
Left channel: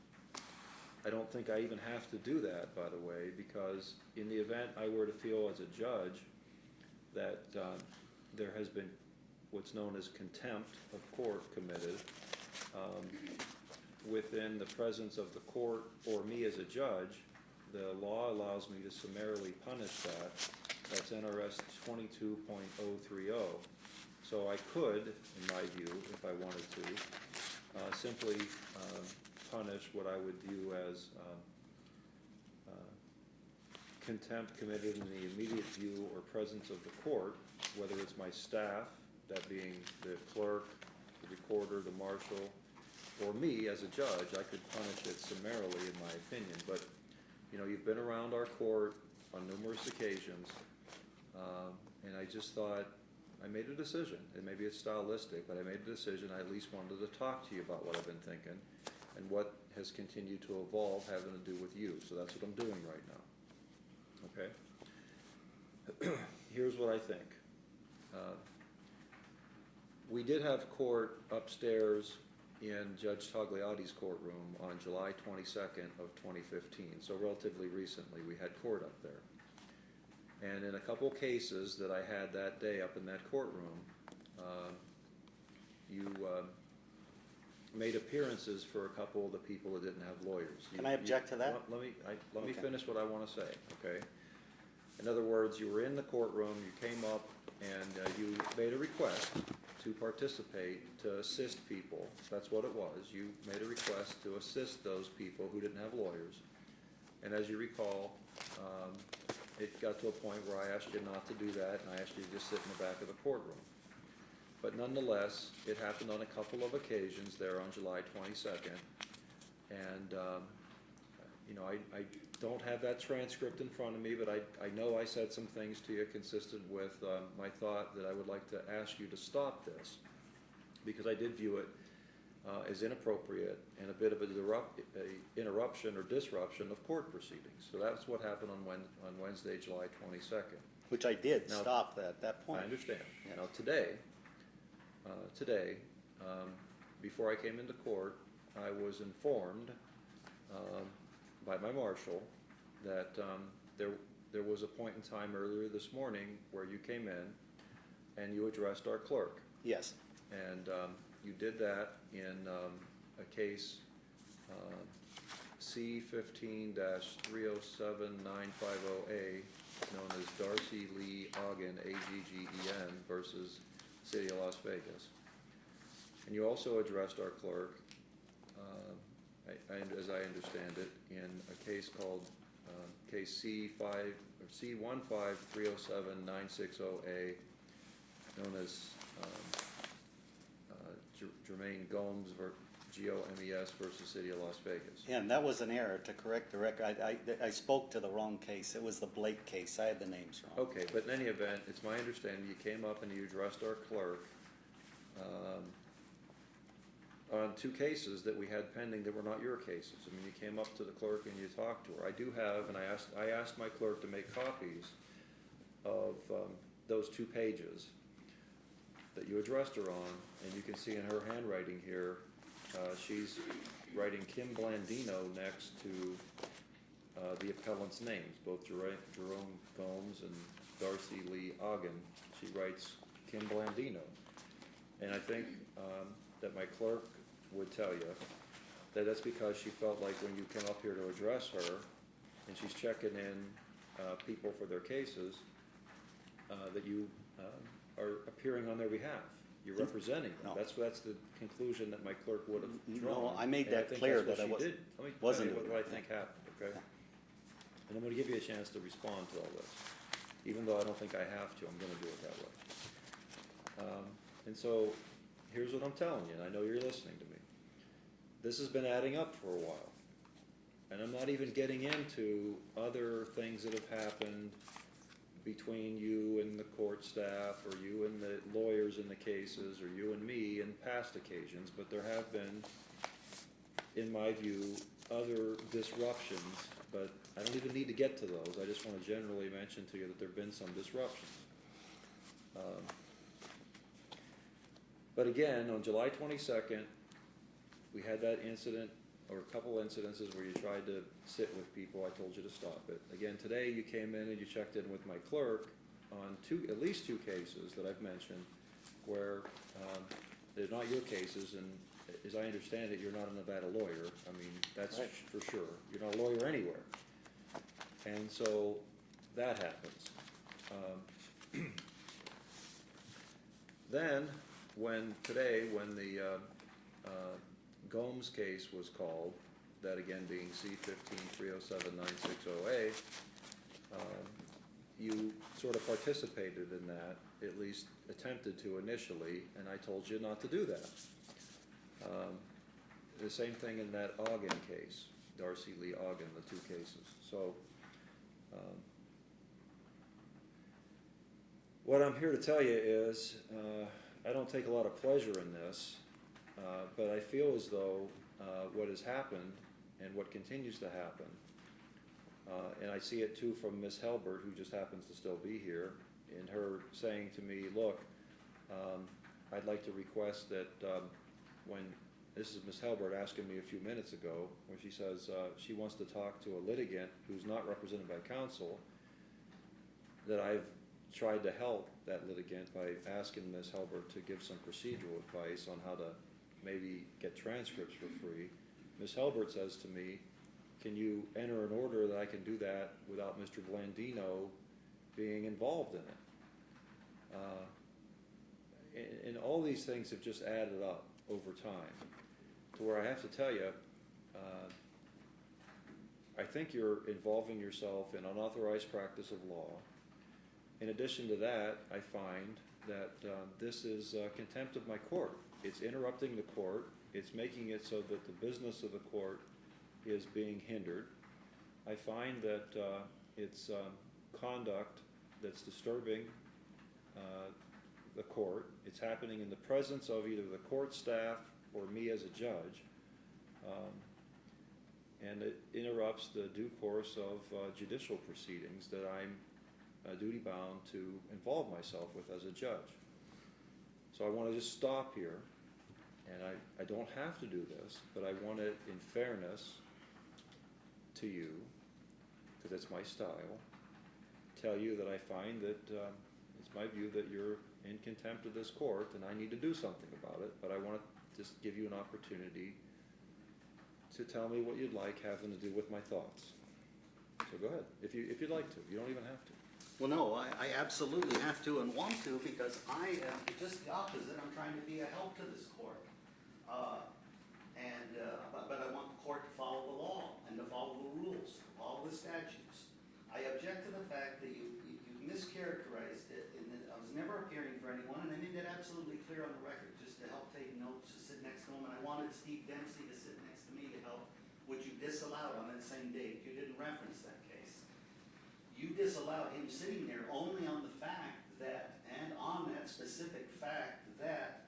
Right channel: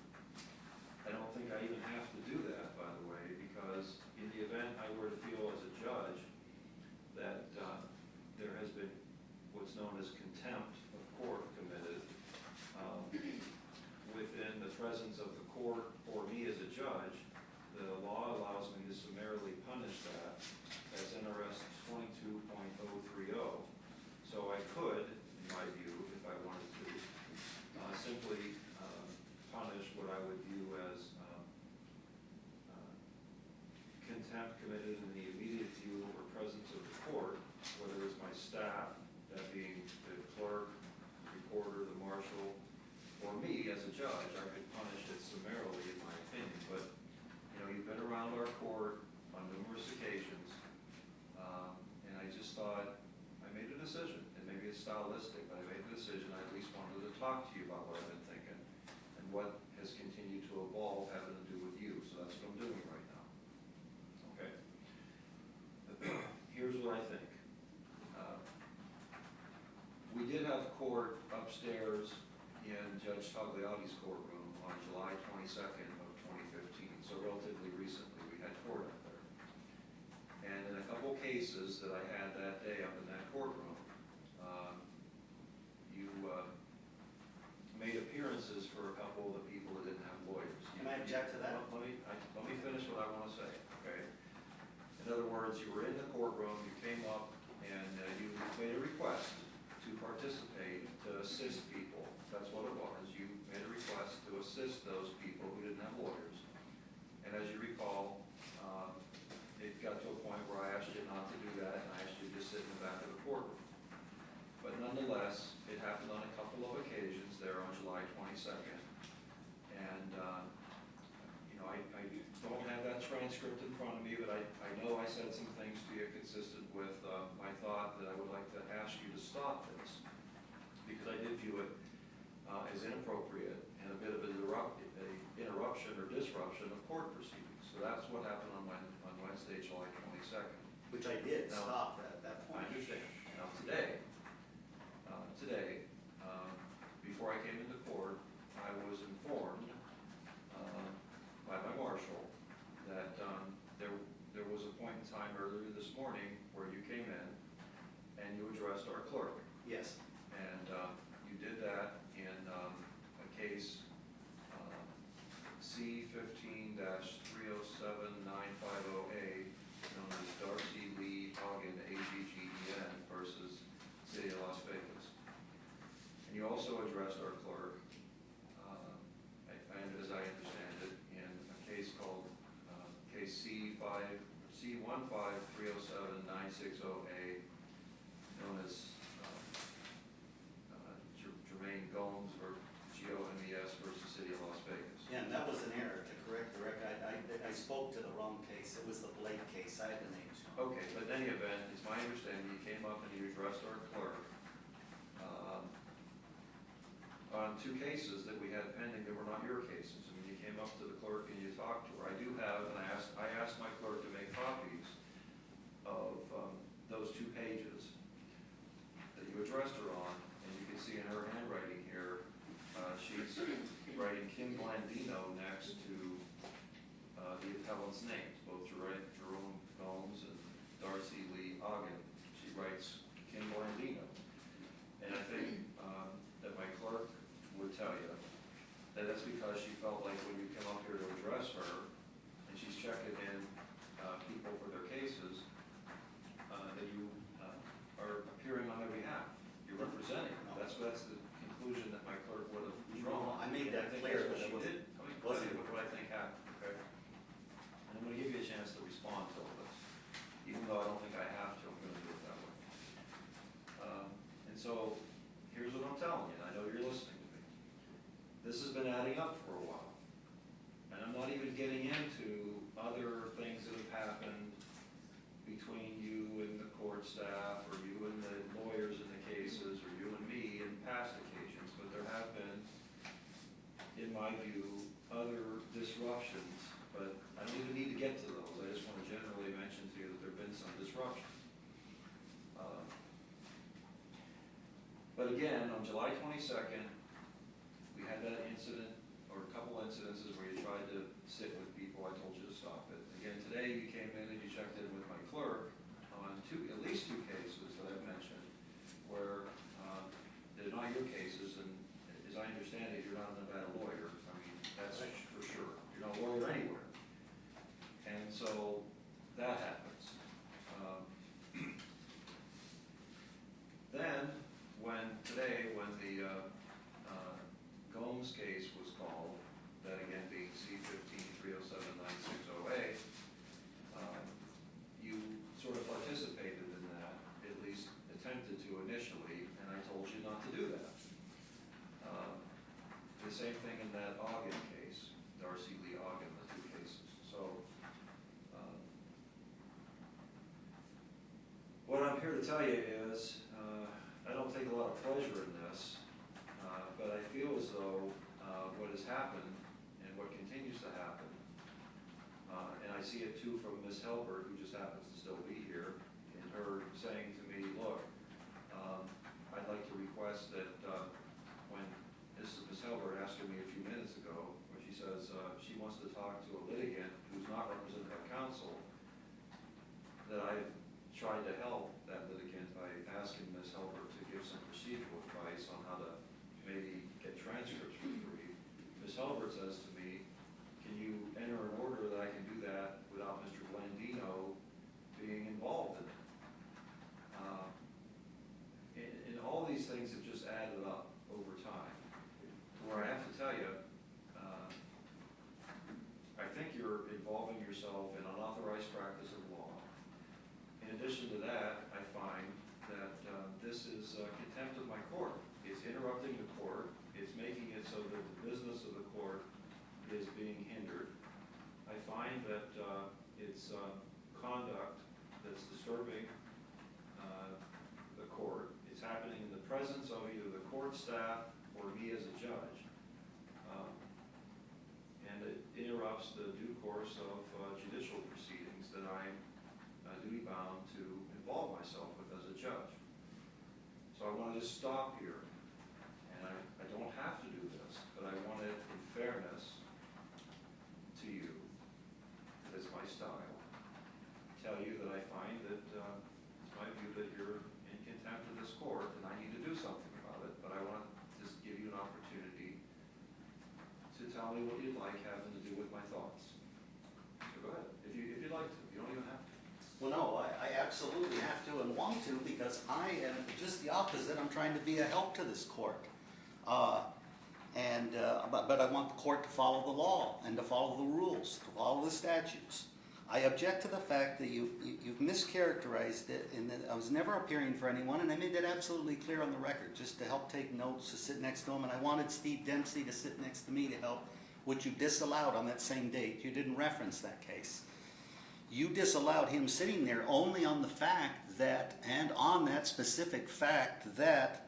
I don't think I even have to do that, by the way, because in the event I were to feel as a judge that there has been what's known as contempt of court committed within the presence of the court or me as a judge, the law allows me to summarily punish that. That's NRS 22.030. So I could, in my view, if I wanted to, simply punish what I would view as contempt committed in the immediate view or presence of the court, whether it's my staff, that being the clerk, the recorder, the marshal, or me as a judge. I could punish it summarily, in my opinion. But, you know, you've been around our court on numerous occasions, and I just thought, I made a decision, and maybe it's stylistic, but I made a decision. I at least wanted to talk to you about what I've been thinking and what has continued to evolve having to do with you. So that's what I'm doing right now. Okay? Here's what I think. We did have court upstairs in Judge Tagliati's courtroom on July 22nd of 2015, so relatively recently we had court up there. And in a couple cases that I had that day up in that courtroom, you made appearances for a couple of the people that didn't have lawyers. Can I object to that? Let me finish what I want to say, okay? In other words, you were in the courtroom, you came up, and you made a request to participate, to assist people. That's what it was. You made a request to assist those people who didn't have lawyers. And as you recall, it got to a point where I asked you not to do that, and I asked you to just sit in the back of the courtroom. But nonetheless, it happened on a couple of occasions there on July 22nd. And, you know, know, I don't have that transcript in front of me, but I know I said some things to you consistent with my thought that I would like to ask you to stop this, because I did view it as inappropriate and a bit of a interruption or disruption of court proceedings. So that's what happened on Wednesday, July 22nd. Which I did Now, stop at that point. I understand. Now, today, before I came into court, I was informed by my marshal that there was a point in time earlier this morning where you came in and you addressed our clerk. Yes, And you did that in a case C15-307-950A, known as Darcy Lee Ogden, AGGEN, versus City of Las Vegas. And you also addressed our clerk, as I understand it, in a case called case C15-307-960A, known as Jermaine Gomes, G-O-M-E-S versus City of Las Vegas. and that was an error, to correct the record. I spoke to the wrong case. It was the Blake case. I had the names wrong. Okay, but in any event, it's my understanding you came up and you addressed our clerk on two cases that we had pending that were not your cases. I mean, you came up to the clerk and you talked to her. I do have, and I asked my clerk to make copies of those 2 pages that you addressed her on, and you can see in her handwriting here, she's writing Kim Blandino next to the appellant's names, both Jerome Gomes and Darcy Lee Ogden. She writes Kim Blandino. And I think that my clerk would tell you that that's because she felt like when you come up here to address her, and she's checking in people for their cases, that you are appearing on their behalf. You're representing them. No. That's the conclusion that my clerk would have drawn. No, I made And that think clear that's that I what she wasn't- did. Let me tell wasn't- you what I think happened, okay? And I'm gonna give you a chance to respond to all this. Even though I don't think I have to, I'm gonna do it that way. And so, here's what I'm telling you, and I know you're listening to me. This has been adding up for a while. And I'm not even getting into other things that have happened between you and the court staff, or you and the lawyers in the cases, or you and me in past occasions, but there have been, in my view, other disruptions, but I don't even need to get to those. I just want to generally mention to you that there have been some disruptions. But again, on July 22nd, we had that incident, or a couple incidences where you tried to sit with people. I told you to stop it. Again, today you came in and you checked in with my clerk on at least two cases that I've mentioned where they're not your cases, and as I understand it, you're not a Nevada lawyer. I mean, that's for sure. You're not a lawyer anywhere. And so that happens. Then, when the Gomes case was called, that again being C15-307-960A, you sort of participated in that, at least attempted to initially, and I told you not to do that. The same thing in that Ogden case, Darcy Lee Ogden, the 2 cases. So, what I'm here to tell you is, I don't take a lot of pleasure in this, but I feel as though what has happened and what continues to happen, and I see it too from Ms. Helbert, who just happens to still be here, and her saying to me, look, I'd like to request that when, this is Ms. Helbert asking me a few minutes ago, where she says she wants to talk to a litigant who's not represented by counsel, that I've tried to help that litigant by asking Ms. Helbert to give some procedural advice on how to maybe get transcripts for free. Ms. Helbert says to me, can you enter an order that I can do that without Mr. Blandino being involved in it? And all these things have just added up over time, to where I have to tell you, I think you're involving yourself in unauthorized practice of law. In addition to that, I find that this is contempt of my court. It's interrupting the court. It's making it so that the business of the court is being hindered. I find that it's conduct that's disturbing the court. It's happening in the presence of either the court staff or me as a judge. And it interrupts the due course of judicial proceedings that I'm duty bound to involve myself with as a judge. So I want to just stop here. And I don't have to do this, but I want it in fairness to you, because it's my style, tell you that I find that it's my view that you're in contempt of this court and I need to do something about it, but I want to just give you an opportunity to tell me what you'd like having to do with my thoughts. So go ahead, if you'd like to. You don't even have to. Well, no, I absolutely have to and want to, because I am just the opposite. I'm trying to be a help to this court. But I want the court to follow the law and to follow the rules, to follow the statutes. I object to the fact that you've mischaracterized it, and that I was never appearing for anyone, and I made that absolutely clear on the record, just to help take notes, to sit next to him, and I wanted Steve Dempsey to sit next to me to help, which you disallowed on that same date. You didn't reference that case. You disallowed him sitting there only on the fact that, and on that specific fact, that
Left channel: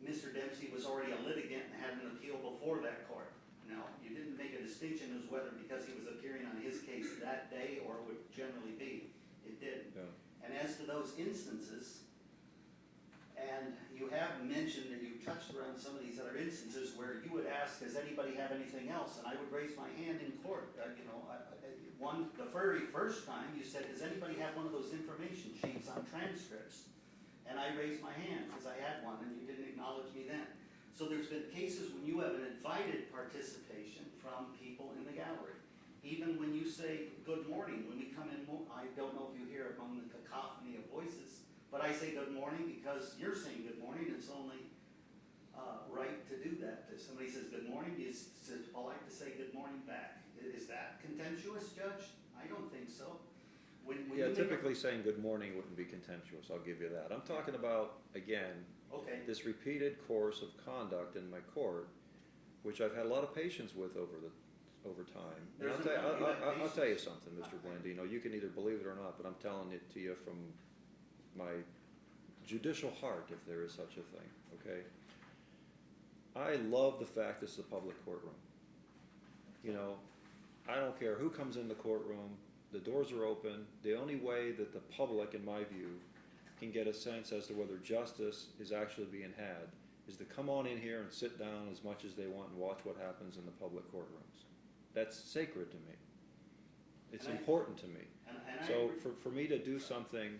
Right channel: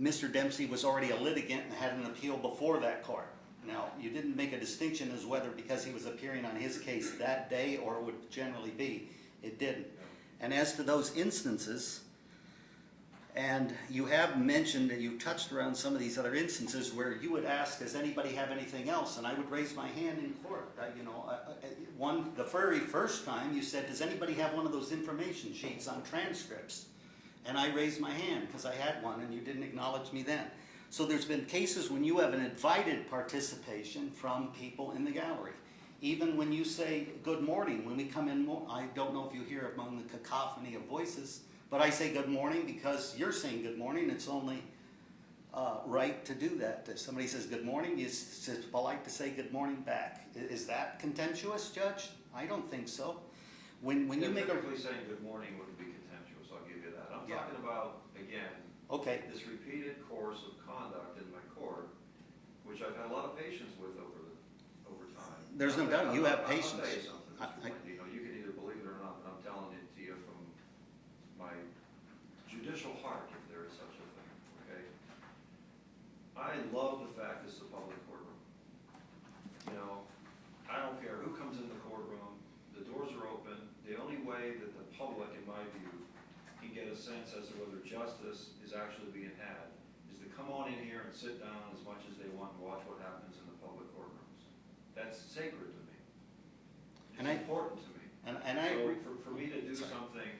Mr. Dempsey was already a litigant and had an appeal before that court. Now, you didn't make a distinction as whether because he was appearing on his case that day or it would generally be. It didn't. Yeah. And as to those instances, and you have mentioned and you touched around some of these other instances where you would ask, does anybody have anything else? And I would raise my hand in court. The very first time you said, does anybody have one of those information sheets on transcripts? And I raised my hand because I had one and you didn't acknowledge me then. So there's been cases when you have an invited participation from people in the gallery. Even when you say good morning, when we come in, I don't know if you hear among the cacophony of voices, but I say good morning because you're saying good morning. It's only right to do that. If somebody says good morning, it's polite to say good morning back. Is that contemptuous, Judge? I don't think so. When you make typically saying good morning wouldn't be contemptuous, I'll give you that. I'm talking about, again, this repeated course of conduct in my court, which I've had a lot of patience with over time. There's no doubt you have patience. I'll tell you something, Mr. Blandino. You can either believe it or not, but I'm telling it to you from my judicial heart, if there is such a thing, okay? I love the fact this is a public courtroom. You know, I don't care who comes in the courtroom, the doors are open. The only way that the public, in my view, can get a sense as to whether justice is actually being had is to come on in here and sit down as much as they want and watch what happens in the public courtrooms. That's sacred to me. It's important to me. So for me to do something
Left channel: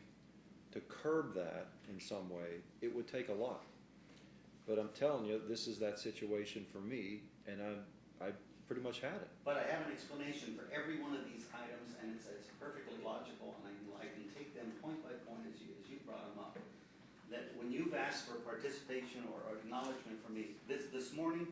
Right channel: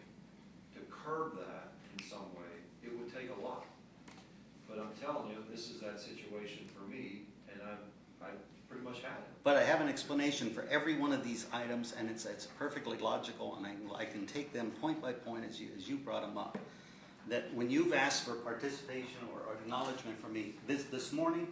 to curb that in some way, it would take a lot. But I'm telling you, this is that situation for me, and I pretty much had it. But I have an explanation for every one of these items, and it's perfectly logical, and I can take them point by point as you brought them up. That when you've asked for participation or acknowledgement from me, this morning,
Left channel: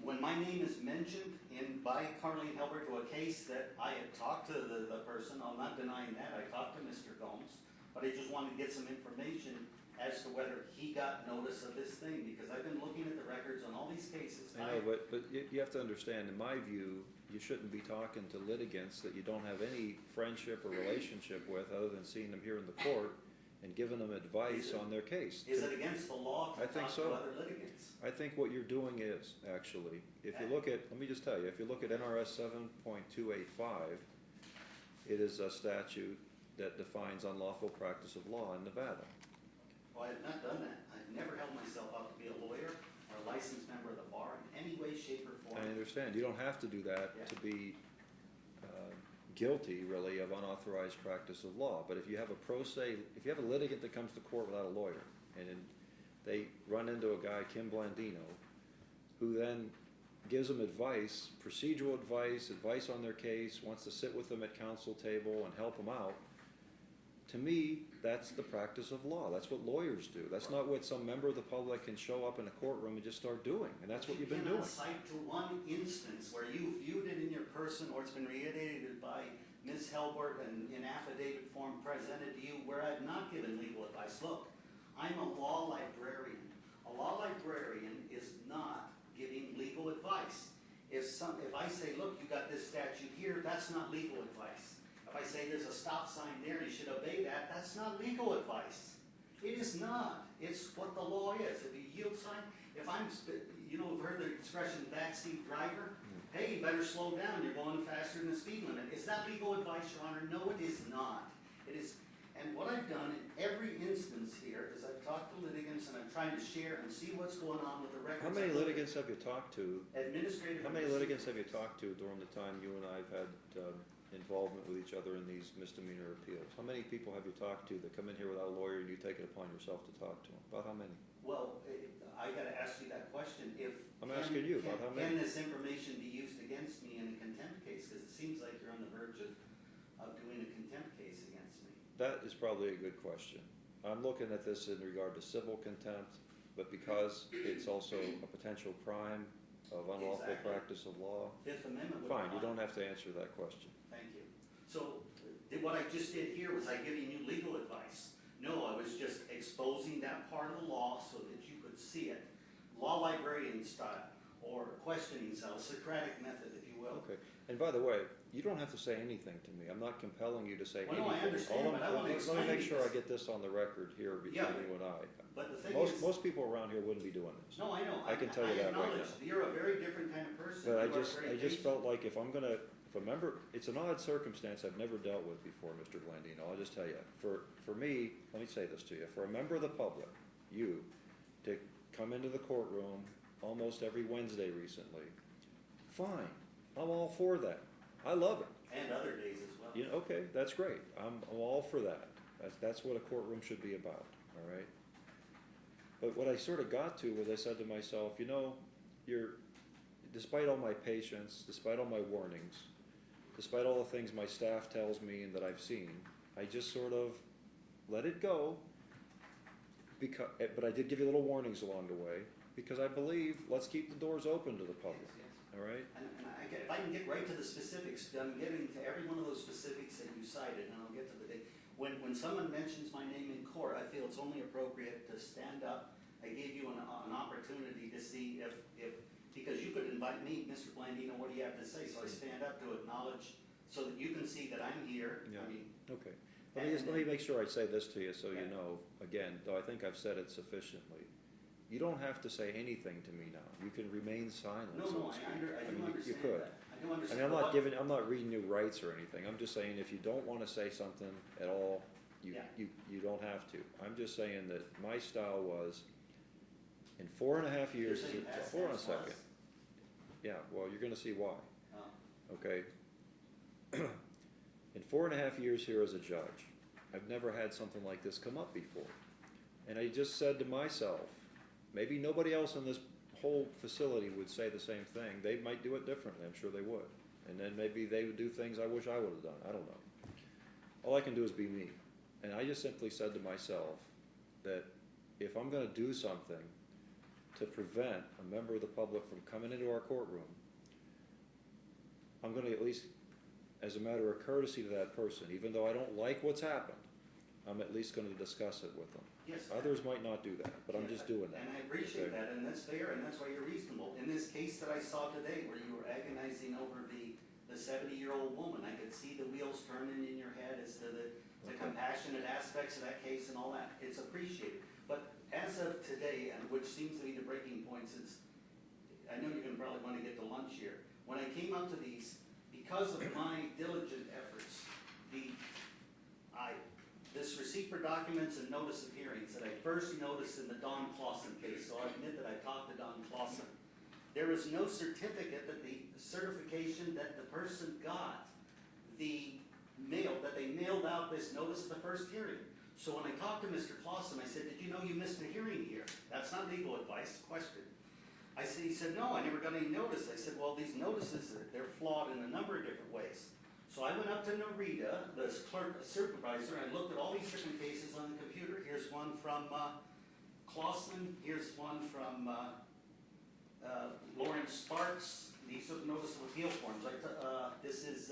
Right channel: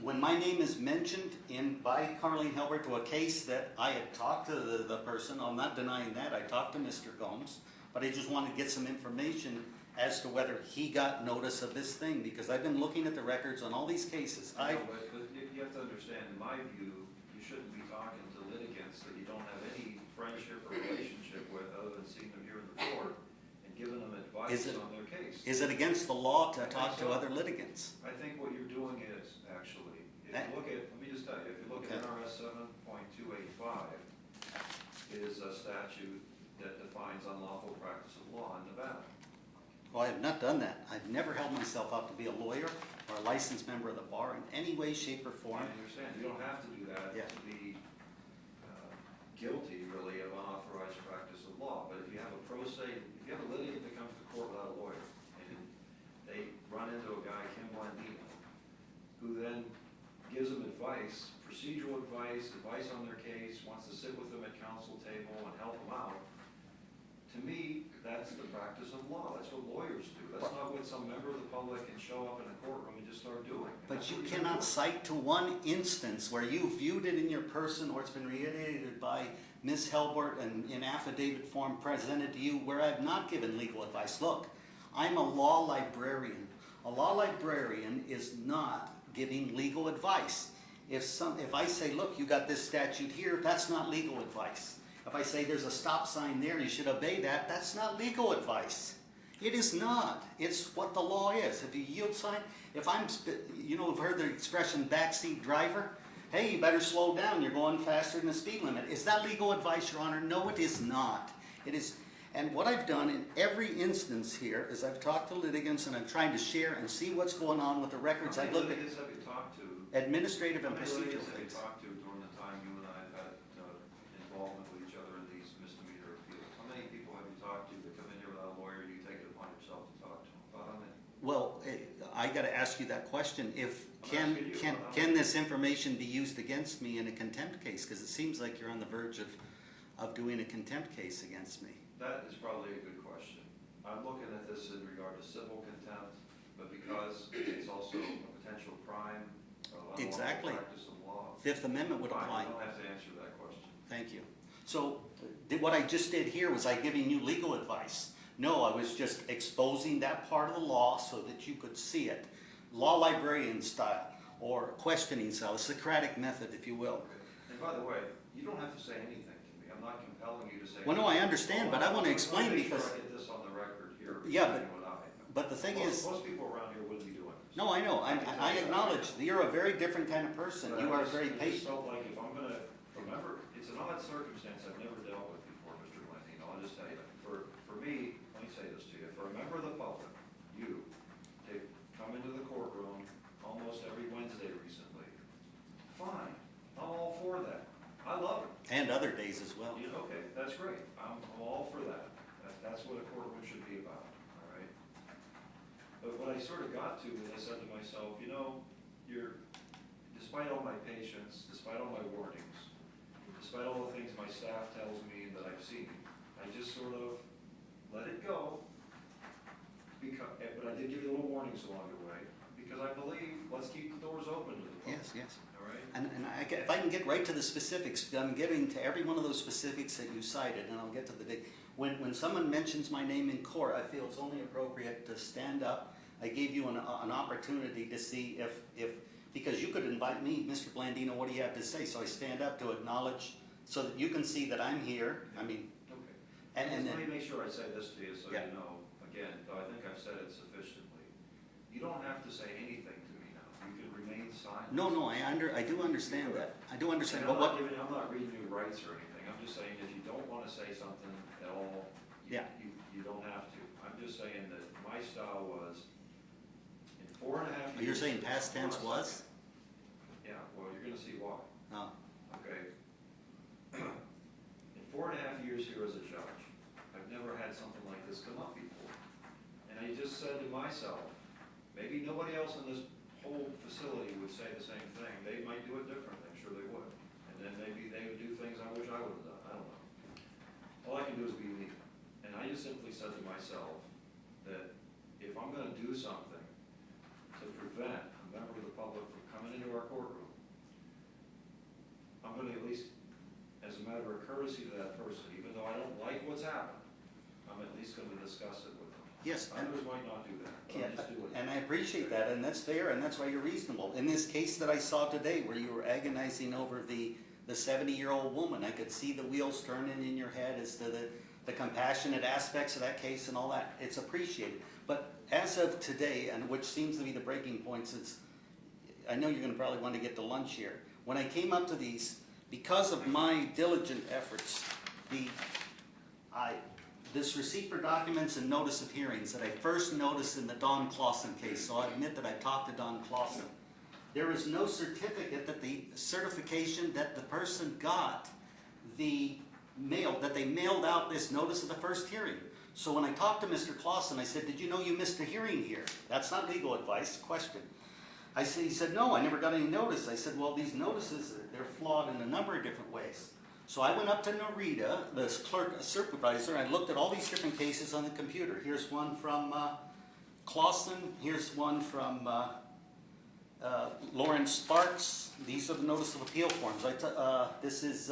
when my name is mentioned by Carleen Hilbert to a case that I had talked to the person, I'm not denying that, I talked to Mr. Gomes, but I just wanted to get some information as to whether he got notice of this thing, because I've been looking at the records on all these cases. I know, but you have to understand, in my view, you shouldn't be talking to litigants that you don't have any friendship or relationship with other than seeing them here in the court and giving them advice on their case. Is it against the law to talk to other litigants? I think what you're doing is, actually, if you look at, let me just tell you, if you look at NRS 7.285, it is a statute that defines unlawful practice of law in Nevada. Well, I have not done that. I've never held myself out to be a lawyer or a licensed member of the bar in any way, shape, or form. I understand. You don't have to do that to be guilty, really, of unauthorized practice of law. But if you have a if you have a litigant that comes to court without a lawyer, and they run into a guy, Kim Blandino, who then gives them advice, procedural advice on their case, wants to sit with them at counsel table and help them out, to me, that's the practice of law. That's what lawyers do. That's not what some member of the public can show up in a courtroom and just start doing. And But that's you what cannot cite to one instance where you viewed it in your person or it's been reiterated by Ms. Helbert and in affidavit form presented to you where I've not given legal advice. Look, I'm a law librarian. A law librarian is not giving legal advice. If I say, look, you got this statute here, that's not legal advice. If I say there's a stop sign there, you should obey that, that's not legal advice. It is not. It's what the law is. If you yield sign, if I'm, you've heard the expression backseat driver? Hey, you better slow down, you're going faster than the speed limit. Is that legal advice, Your Honor? No, it is not. It is, and what I've done in every instance here is I've talked to litigants and I'm trying to share and see what's going on with the records. How I many look at litigants have you talked to? administrative How and many procedural litigants have you things. talked to during the time you and I have had involvement with each other in these misdemeanor appeals? How many people have you talked to that come in here without a lawyer and you take it upon yourself to talk to them? About how many? Well, I got to ask you that question. If I'm asking you, how can many? this information be used against me in a contempt case? Because it seems like you're on the verge of doing a contempt case against me. That is probably a good question. I'm looking at this in regard to civil contempt, but because it's also a potential crime of unlawful Exactly. practice of law. Fifth Amendment would Fine, apply. you don't have to answer that question. Thank you. So what I just did here was I giving you legal advice. No, I was just exposing that part of the law so that you could see it. Law librarian style or questioning style, a Socratic method, if you will. Okay. And by the way, you don't have to say anything to me. I'm not compelling you to say. Well, no, I understand, but I want to explain Make sure because, I get this on the record here Yeah, between you and I. but the thing is, Most people around here wouldn't be doing this. no, I know, I can tell I you that acknowledge, right you're a very different kind of person. But You are I very just patient. felt like if I'm gonna, remember, it's an odd circumstance I've never dealt with before, Mr. Blandino, I'll just tell you. For me, let me say this to you, for a member of the public, you, to come into the courtroom almost every Wednesday recently, fine, I'm all for that. I love it. And other days as well. Okay, that's great. I'm all for that. That's what a courtroom should be about, all right? But what I sort of got to was I said to myself, despite all my patience, despite all my warnings, despite all the things my staff tells me and that I've seen, I just sort of let it go. But I did give you little warnings along the way, because I believe, let's keep the doors open to the public. Yes, yes. All right? And if I can get right to the specifics, I'm getting to every one of those specifics that you cited, and I'll get to the big. When someone mentions my name in court, I feel it's only appropriate to stand up. I gave you an opportunity to see if because you could invite me, Mr. Blandino, what do you have to say? So I stand up to acknowledge, so that you can see that I'm here. Yeah. I mean, Okay. and Let me then, make sure I say this to you so Yeah. you know, again, though I think I've said it sufficiently. You don't have to say anything to me now. You can remain silent. no, I do understand could. that. I do And understand. I'm But what, I'm not reading you rights or anything. I'm just saying if you don't want to say something at all, Yeah. you don't have to. I'm just saying that my style was, in 4.5 years. you're saying past Hold on a tense was? second. Yeah, well, you're gonna see why. Oh, Okay. In 4.5 years here as a judge, I've never had something like this come up before. And I just said to myself, maybe nobody else in this whole facility would say the same thing. They might do it differently, I'm sure they would. And then maybe they would do things I wish I would have done, I don't know. All I can do is be me. And I just simply said to myself that if I'm gonna do something to prevent a member of the public from coming into our courtroom, I'm gonna at least, as a matter of courtesy to that person, even though I don't like what's happened, I'm at least gonna discuss it with them. yes. Others might not do that, but I'm Yeah, just doing it. And I appreciate that, and that's fair, and that's why you're reasonable. In this case that I saw today, where you were agonizing over the 70-year-old woman, I could see the wheels turning in your head as to the compassionate aspects of that case and all that. It's appreciated. But as of today, and which seems to be the breaking points, I know you're gonna probably want to get to lunch here. When I came up to these, because of my diligent efforts, this receipt for documents and notice of hearings that I first noticed in the Don Clausen case, so I admit that I talked to Don Clausen. There is no certificate that the certification that the person got that they mailed out this notice of the first hearing. So when I talked to Mr. Clausen, I said, did you know you missed a hearing here? That's not legal advice, question. He said, no, I never got any notice. I said, well, these notices, they're flawed in a number of different ways. So I went up to Narita, the clerk supervisor, and I looked at all these different cases on the computer. Here's one from Clausen, here's one from Lawrence Sparks. These are the notice of appeal forms. This is,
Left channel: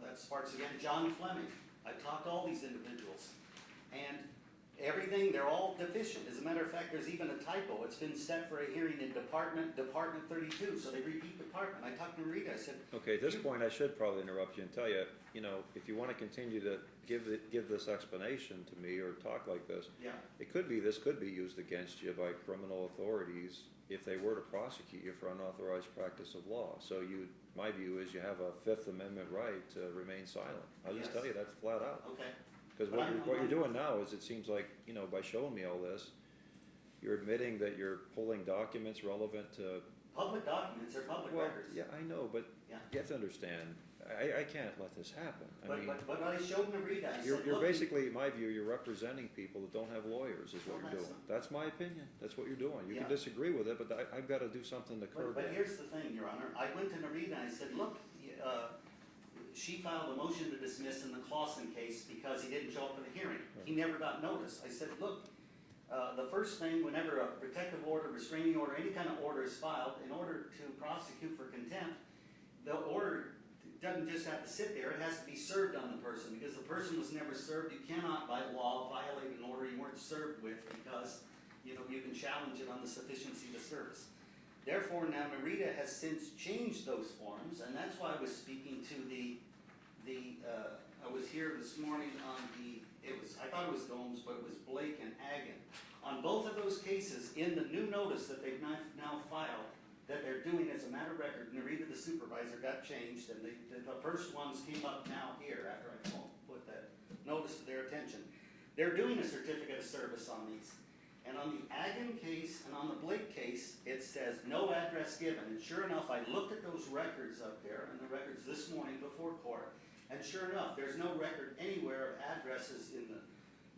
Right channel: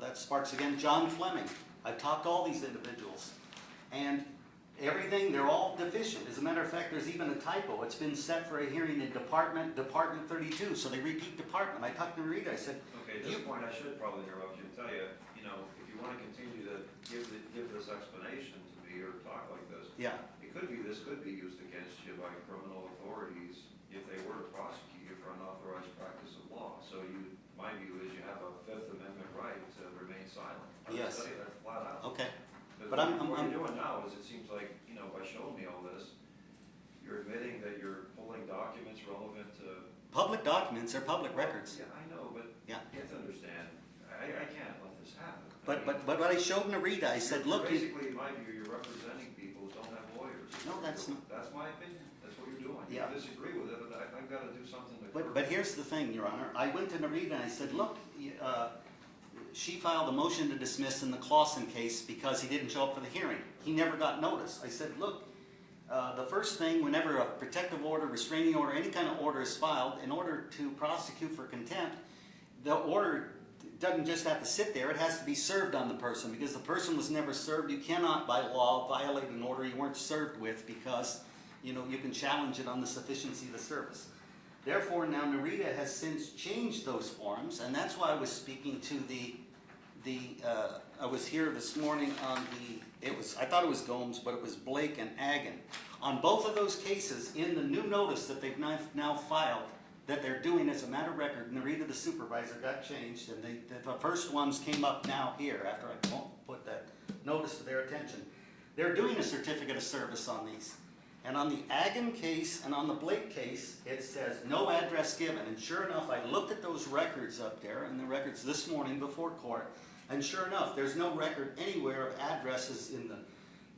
that's Sparks again, John Fleming. I've talked to all these individuals. And Everything, they're all deficient. As a matter of fact, there's even a typo. It's been set for a hearing in Department 32, so they repeat department. I talked to Rita, I said, Okay, at this point, I should probably interrupt you and tell you, you know, if you wanna continue to give this explanation to me or talk like this, yeah, this could be used against you by criminal authorities if they were to prosecute you for unauthorized practice of law. So my view is you have a Fifth Amendment right to remain silent. I'll Yes. just tell you that flat out. okay. Because But what you're doing now is, it seems like, you know, by showing me all this, you're admitting that you're pulling documents relevant to. Public documents are public Well, records. Yeah, I know, but Yeah. you have to understand, I can't let this happen. I mean, But what I showed Narita, I said, you're look, you- basically, in my view, you're representing people who don't have lawyers. is No, what you're that's doing. That's my opinion. That's what you're doing. You Yeah. can disagree with it, but I've got to do something to curb but it. here's the thing, Your Honor. I went to Narita and I said, look, she filed a motion to dismiss in the Clausen case because he didn't show up for the hearing. He never got notice. I said, look, the first thing, whenever a protective order, restraining order, any kind of order is filed, in order to prosecute for contempt, the order doesn't just have to sit there, it has to be served on the person, because the person was never served. You cannot, by law, violate an order you weren't served with, because, you know, you can challenge it on the sufficiency of the service. Therefore, now Narita has since changed those forms, and that's why I was speaking to I was here this morning on I thought it was Gomes, but it was Blake and Agan. On both of those cases, in the new notice that they've now filed, that they're doing as a matter of record, Narita, the supervisor, got changed, and the first ones came up now here after I put that notice to their attention. They're doing a certificate of service on these. And on the Agan case and on the Blake case, it says no address given. And sure enough, I looked at those records up there, and the records this morning before court, and sure enough, there's no record anywhere of addresses in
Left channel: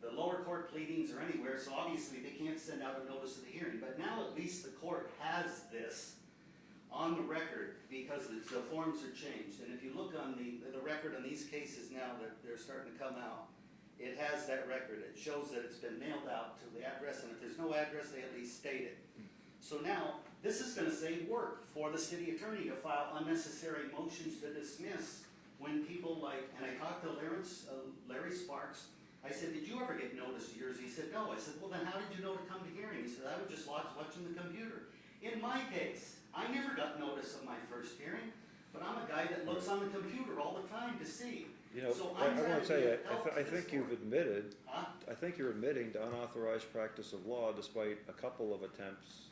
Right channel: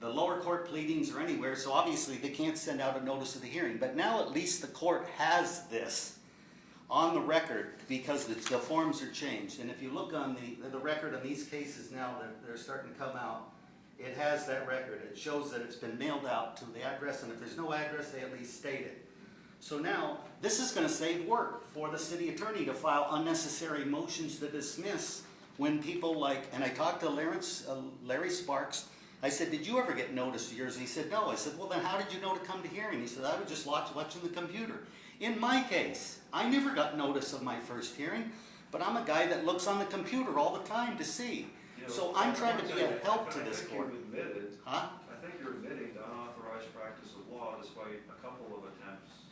the lower court pleadings or anywhere, so obviously they can't send out a notice of the hearing. But now at least the court has this on the record, because the forms are changed. And if you look on the record on these cases now that they're starting to come out, it has that record. It shows that it's been mailed out to the address, and if there's no address, they at least state it. So now, this is going to save work for the city attorney to file unnecessary motions to dismiss when people like, and I talked to Larry Sparks. I said, did you ever get notice of yours? He said, no. I said, well, then how did you know to come to hearing? He said, I would just watching the computer. In my case, I never got notice of my first hearing, but I'm a guy that looks on the computer all the time to see. You know, So I'm trying to tell you, give help to this I think court. you've admitted, Huh? I think you're admitting to unauthorized practice of law despite a couple of attempts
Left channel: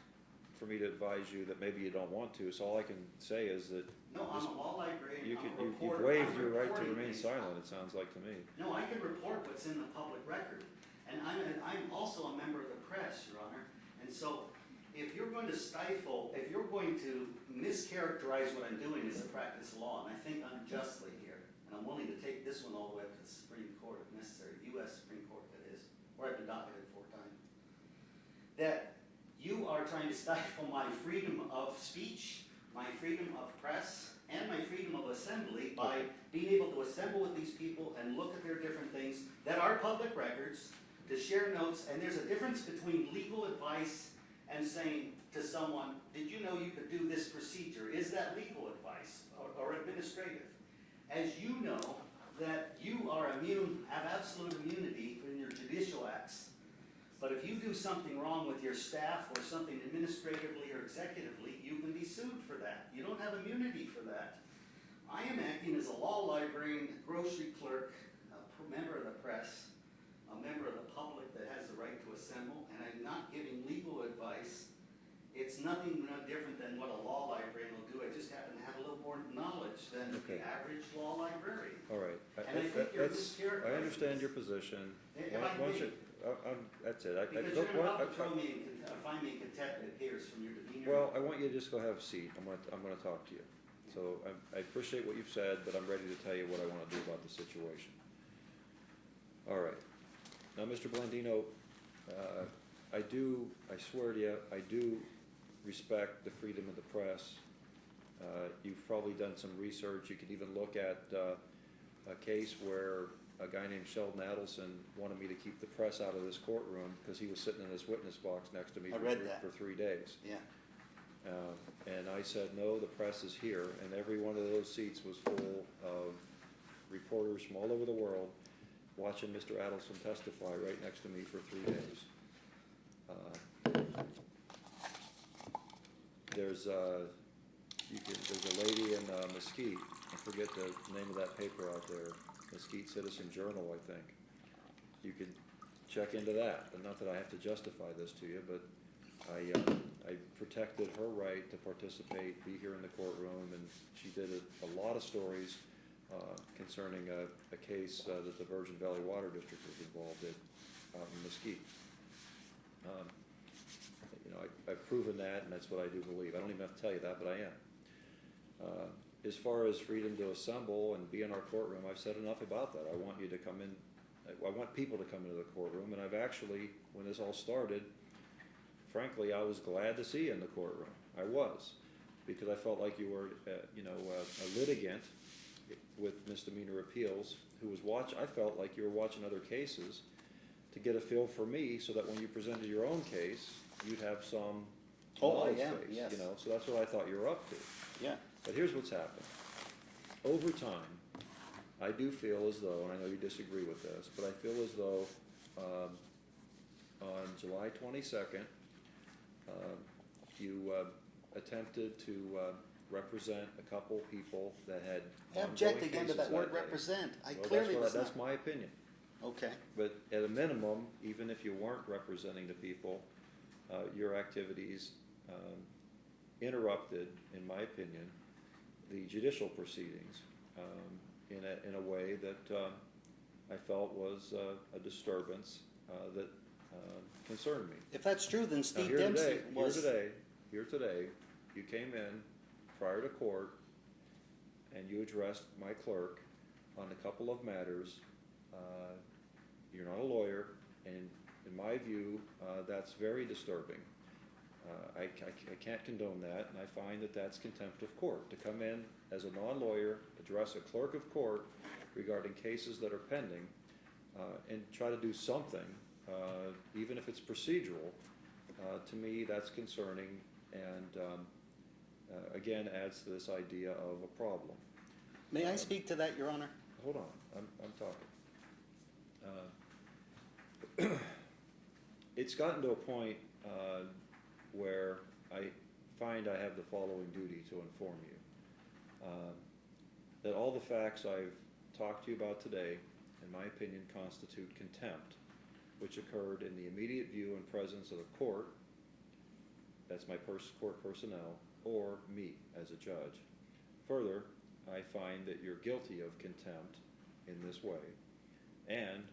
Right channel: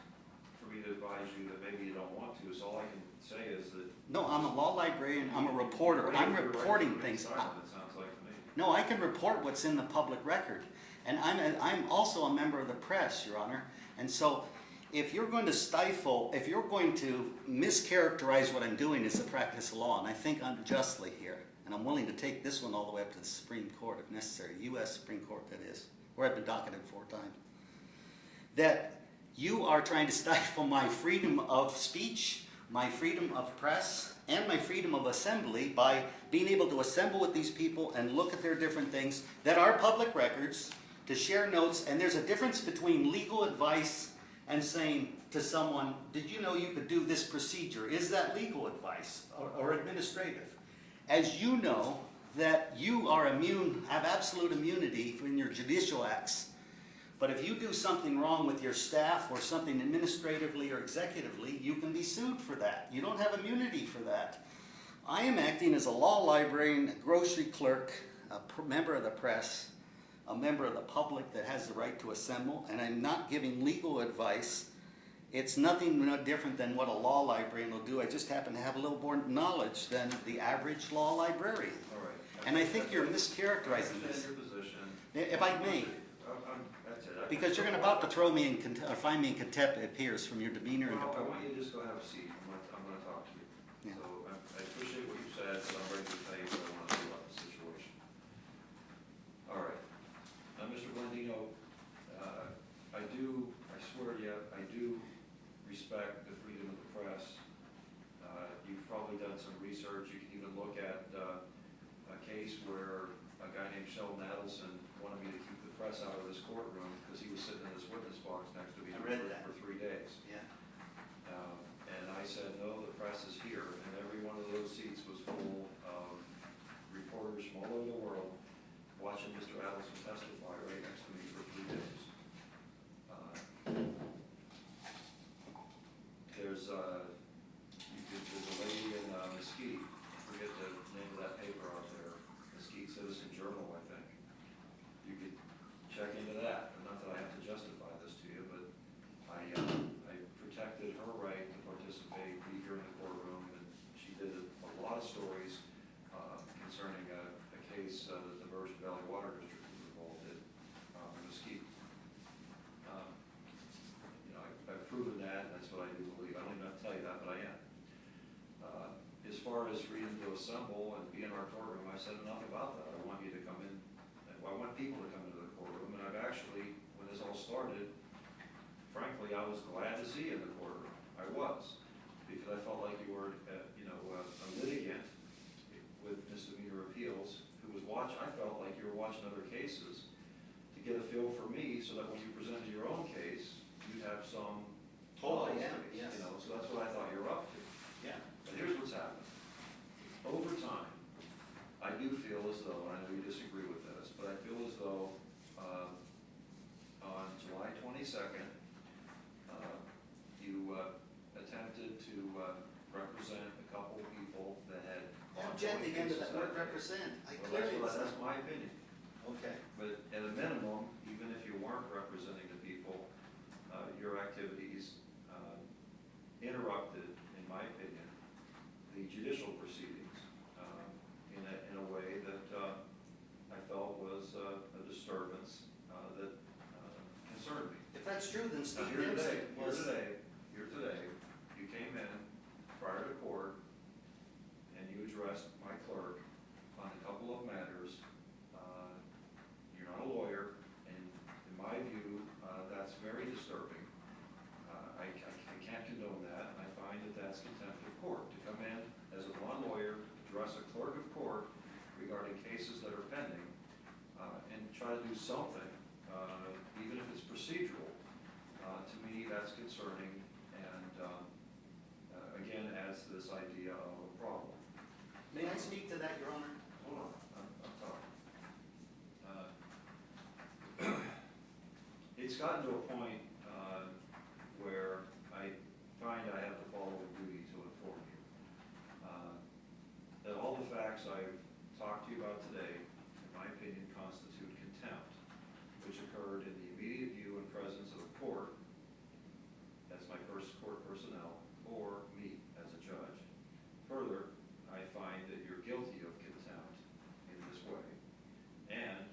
for me to advise you that maybe you don't want to. So all I can say is that. No, I'm a law librarian, I'm a you reporter, waived I'm your right to reporting remain things. silent, it sounds like to me. No, I can report what's in the public record. And I'm also a member of the press, Your Honor. And so, if you're going to stifle, if you're going to mischaracterize what I'm doing as a practice of law, and I think unjustly here, and I'm willing to take this one all the way up to the Supreme Court if necessary, U.S. Supreme Court that is, where I've been docketed 4 times, that you are trying to stifle my freedom of speech, my freedom of press, and my freedom of assembly by being able to assemble with these people and look at their different things that are public records, to share notes. And there's a difference between legal advice and saying to someone, did you know you could do this procedure? Is that legal advice or administrative? As you know, that you are immune, have absolute immunity in your judicial acts. But if you do something wrong with your staff or something administratively or executively, you can be sued for that. You don't have immunity for that. I am acting as a law librarian, a grocery clerk, a member of the press, a member of the public that has the right to assemble, and I'm not giving legal advice. It's nothing different than what a law librarian will do. I just happen to have a little more knowledge than the average law librarian. All right. And I think you're I mischaracterizing understand this. your position. If I may. That's it. Because you're about to throw me in, or find me in contempt, it appears, from your demeanor. Well, I want you to just go have a seat. I'm gonna talk to you. Yeah. So I appreciate what you've said, but I'm ready to tell you what I wanna do about the situation. All right. Now, Mr. Blandino, I swear to you, I do respect the freedom of the press. You've probably done some research. You can even look at a case where a guy named Sheldon Adelson wanted me to keep the press out of this courtroom because he was sitting in this witness box next to me I read that. for 3 days. Yeah. And I said, no, the press is here, and every one of those seats was full of reporters from all over the world. watching Mr. Adelson testify right next to me for 3 days. There's a lady in Mesquite, I forget the name of that paper out there, Mesquite Citizen Journal, I think. You could check into that, and not that I have to justify this to you, but I protected her right to participate, be here in the courtroom, and she did a lot of stories concerning a case that the Virgin Valley Water District was involved in Mesquite. I've proven that, and that's what I do believe. I don't even have to tell you that, but I am. As far as freedom to assemble and be in our courtroom, I've said enough about that. I want you to come in, I want people to come into the courtroom, and I've actually, when this all started, frankly, I was glad to see you in the courtroom. I was, because I felt like you were, a litigant with misdemeanor appeals who was I felt like you were watching other cases to get a feel for me, so that when you presented your own case, you'd have some knowledge base, yes. So that's what I thought you were up to. Yeah. But here's what's happened. Over time, I do feel as though, and I know you disagree with this, but I feel as though on July 22nd, you attempted to represent a couple people that had Object ongoing again to cases that word day. represent. Well, that's my opinion. Okay. But at a minimum, even if you weren't representing the people, your activities interrupted, in my opinion, the judicial proceedings in a way that I felt was a disturbance that concerned me. If that's true, then Now, Steve here Dempsey today, was. here today, you came in prior to court and you addressed my clerk on a couple of matters. You're not a lawyer, and in my view, that's very disturbing. I can't condone that, and I find that that's contempt of court. To come in as a non-lawyer, address a clerk of court regarding cases that are pending, and try to do something, even if it's procedural, to me that's concerning, and again adds to this idea of a problem. May I speak to that, Your Honor? Hold on, I'm talking. It's gotten to a point where I find I have the following duty to inform you. That all the facts I've talked to you about today, in my opinion, constitute contempt, which occurred in the immediate view and presence of a court, that's my court personnel, or me as a judge. Further, I find that you're guilty of contempt in this way, and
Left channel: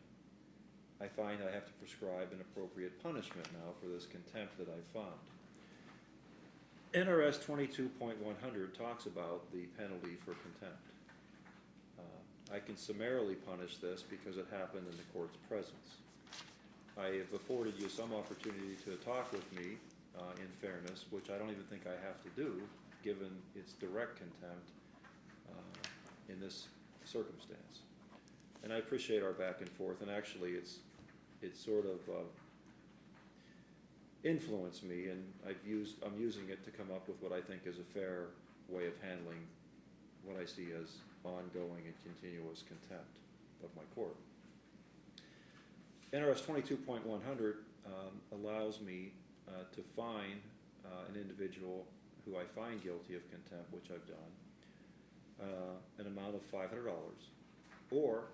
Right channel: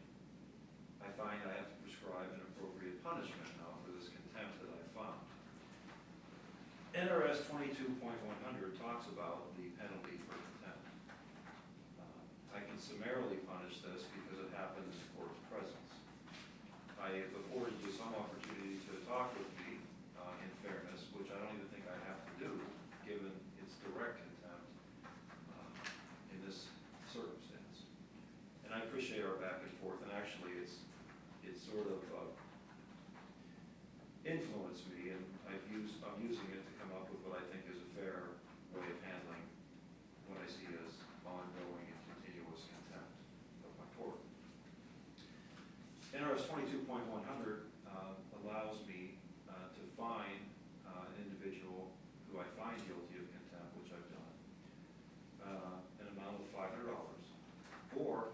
I find I have to prescribe an appropriate punishment now for this contempt that I found. NRS 22.100 talks about the penalty for contempt. I can summarily punish this because it happened in the court's presence. I have afforded you some opportunity to talk with me in fairness, which I don't even think I have to do, given its direct contempt in this circumstance. And I appreciate our back and forth, and actually it's sort of influenced me, and I'm using it to come up with what I think is a fair way of handling what I see as ongoing and continuous contempt of my court. NRS 22.100 allows me to fine an individual who I find guilty of contempt, which I've done, an amount of $500, or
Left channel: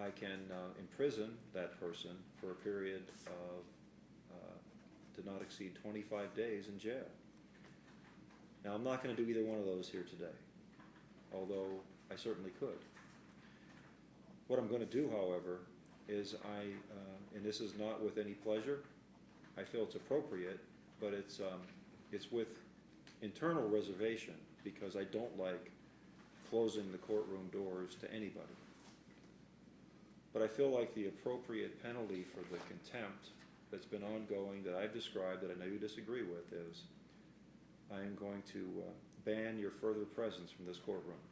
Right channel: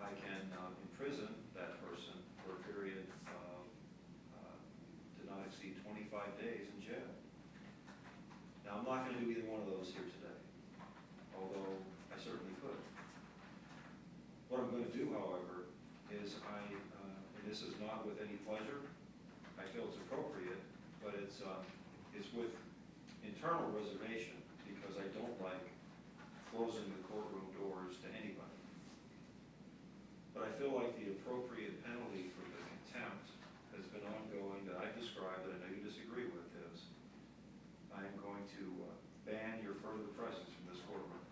I can imprison that person for a period of to not exceed 25 days in jail. Now, I'm not going to do either one of those here today, although I certainly could. What I'm going to do, however, is and this is not with any pleasure, I feel it's appropriate, but it's with internal reservation, because I don't like closing the courtroom doors to anybody. But I feel like the appropriate penalty for the contempt that's been ongoing, that I've described, that I know you disagree with, is I am going to ban your further presence from this courtroom.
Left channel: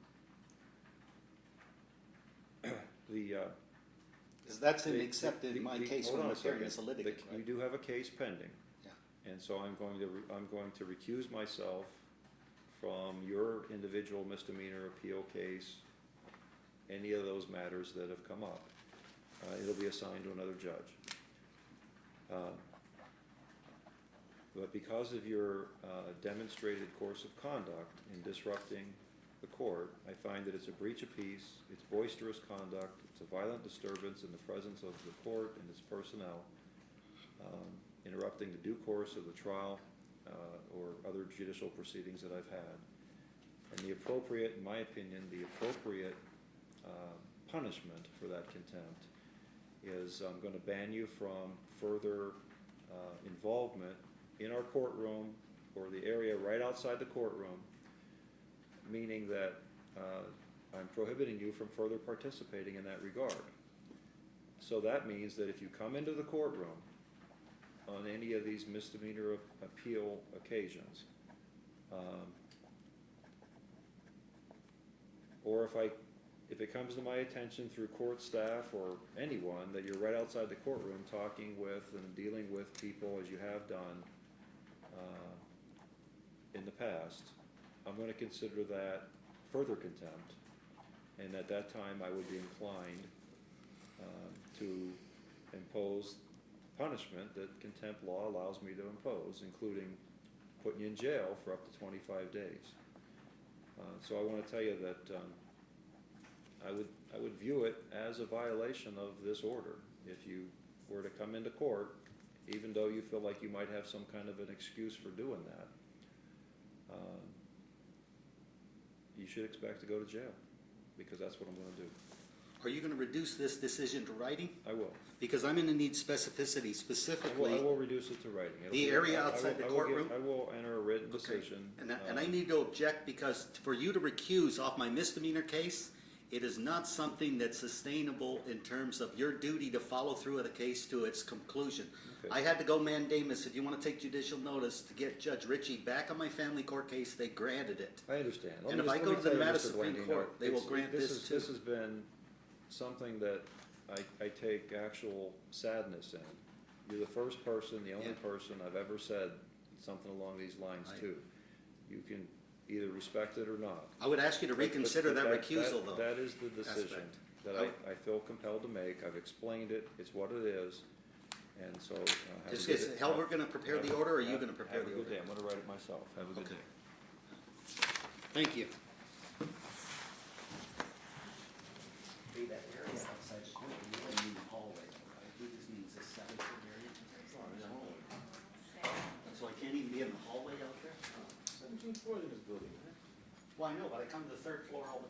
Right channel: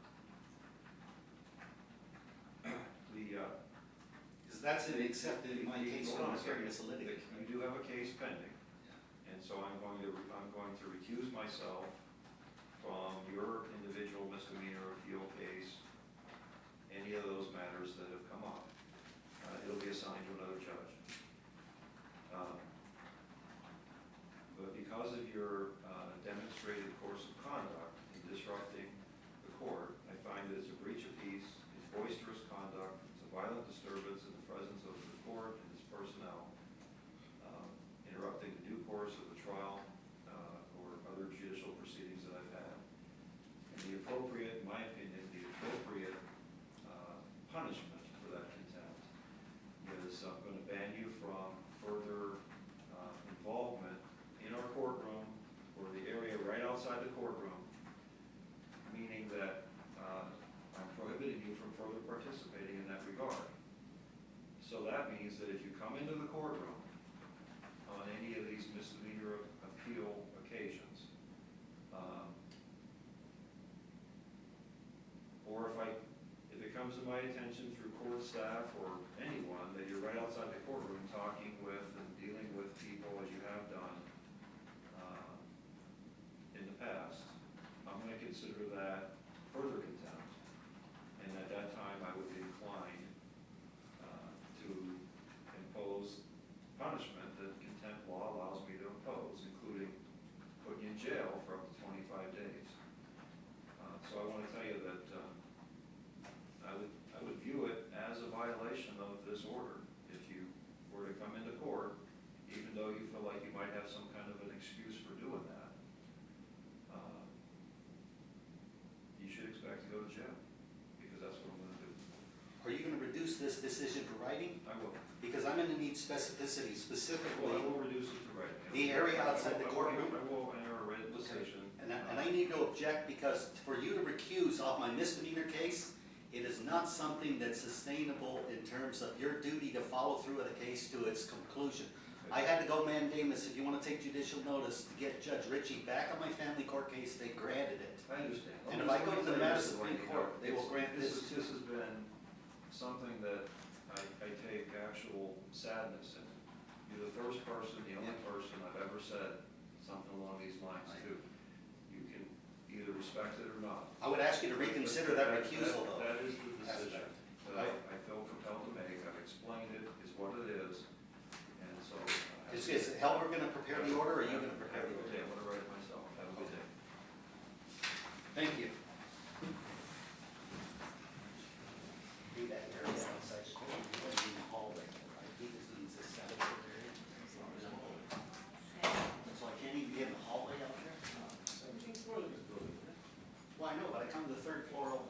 That's an accepted in my case hold when on I'm a hearing second. as a litigant. You do have a case pending. Yeah. And so I'm going to recuse myself from your individual misdemeanor appeal case, any of those matters that have come up. it'll be assigned to another judge. But because of your demonstrated course of conduct in disrupting the court, I find that it's a breach of peace, it's boisterous conduct, it's a violent disturbance in the presence of the court and its personnel, interrupting the due course of the trial or other judicial proceedings that I've had. And the appropriate, in my opinion, the appropriate punishment for that contempt is I'm going to ban you from further involvement in our courtroom or the area right outside the courtroom, meaning that I'm prohibiting you from further participating in that regard. So that means that if you come into the courtroom on any of these misdemeanor appeal occasions, or if it comes to my attention through court staff or anyone that you're right outside the courtroom talking with and dealing with people as you have done in the past, I'm going to consider that further contempt, and at that time I would be inclined to impose punishment that contempt law allows me to impose, including putting you in jail for up to 25 days. So I want to tell you that I would view it as a violation of this order if you were to come into court, even though you feel like you might have some kind of an excuse for doing that. You should expect to go to jail, because that's what I'm going to do. Are you going to reduce this decision to writing? I will. Because I'm going to need specificity, specifically. I will reduce it to writing. The area outside the courtroom? I will enter a written decision. And I need to object, because for you to recuse off my misdemeanor case, it is not something that's sustainable in terms of your duty to follow through with the case to its conclusion. Okay. I had to go mandamus, if you want to take judicial notice, to get Judge Ritchie back on my family court case. They granted it. I understand. And if I go to the Madison Supreme Court, they will grant this too. This has been something that I take actual sadness in. You're the first person, the only person I've ever said something along these lines to. You can either respect it or not. I would ask you to reconsider that recusal, though. That is the decision that I feel compelled to make. I've explained it, it's what it is, and so. Is Helmer going to prepare the order, or are you going to prepare the order? Have a good day, I'm going to write it myself. Have a good day. Thank you. Do that area outside the court, you don't need the hallway, right? He just needs this separate area. So I can't even be in the hallway out there? Well, I know, but I come to the third floor all the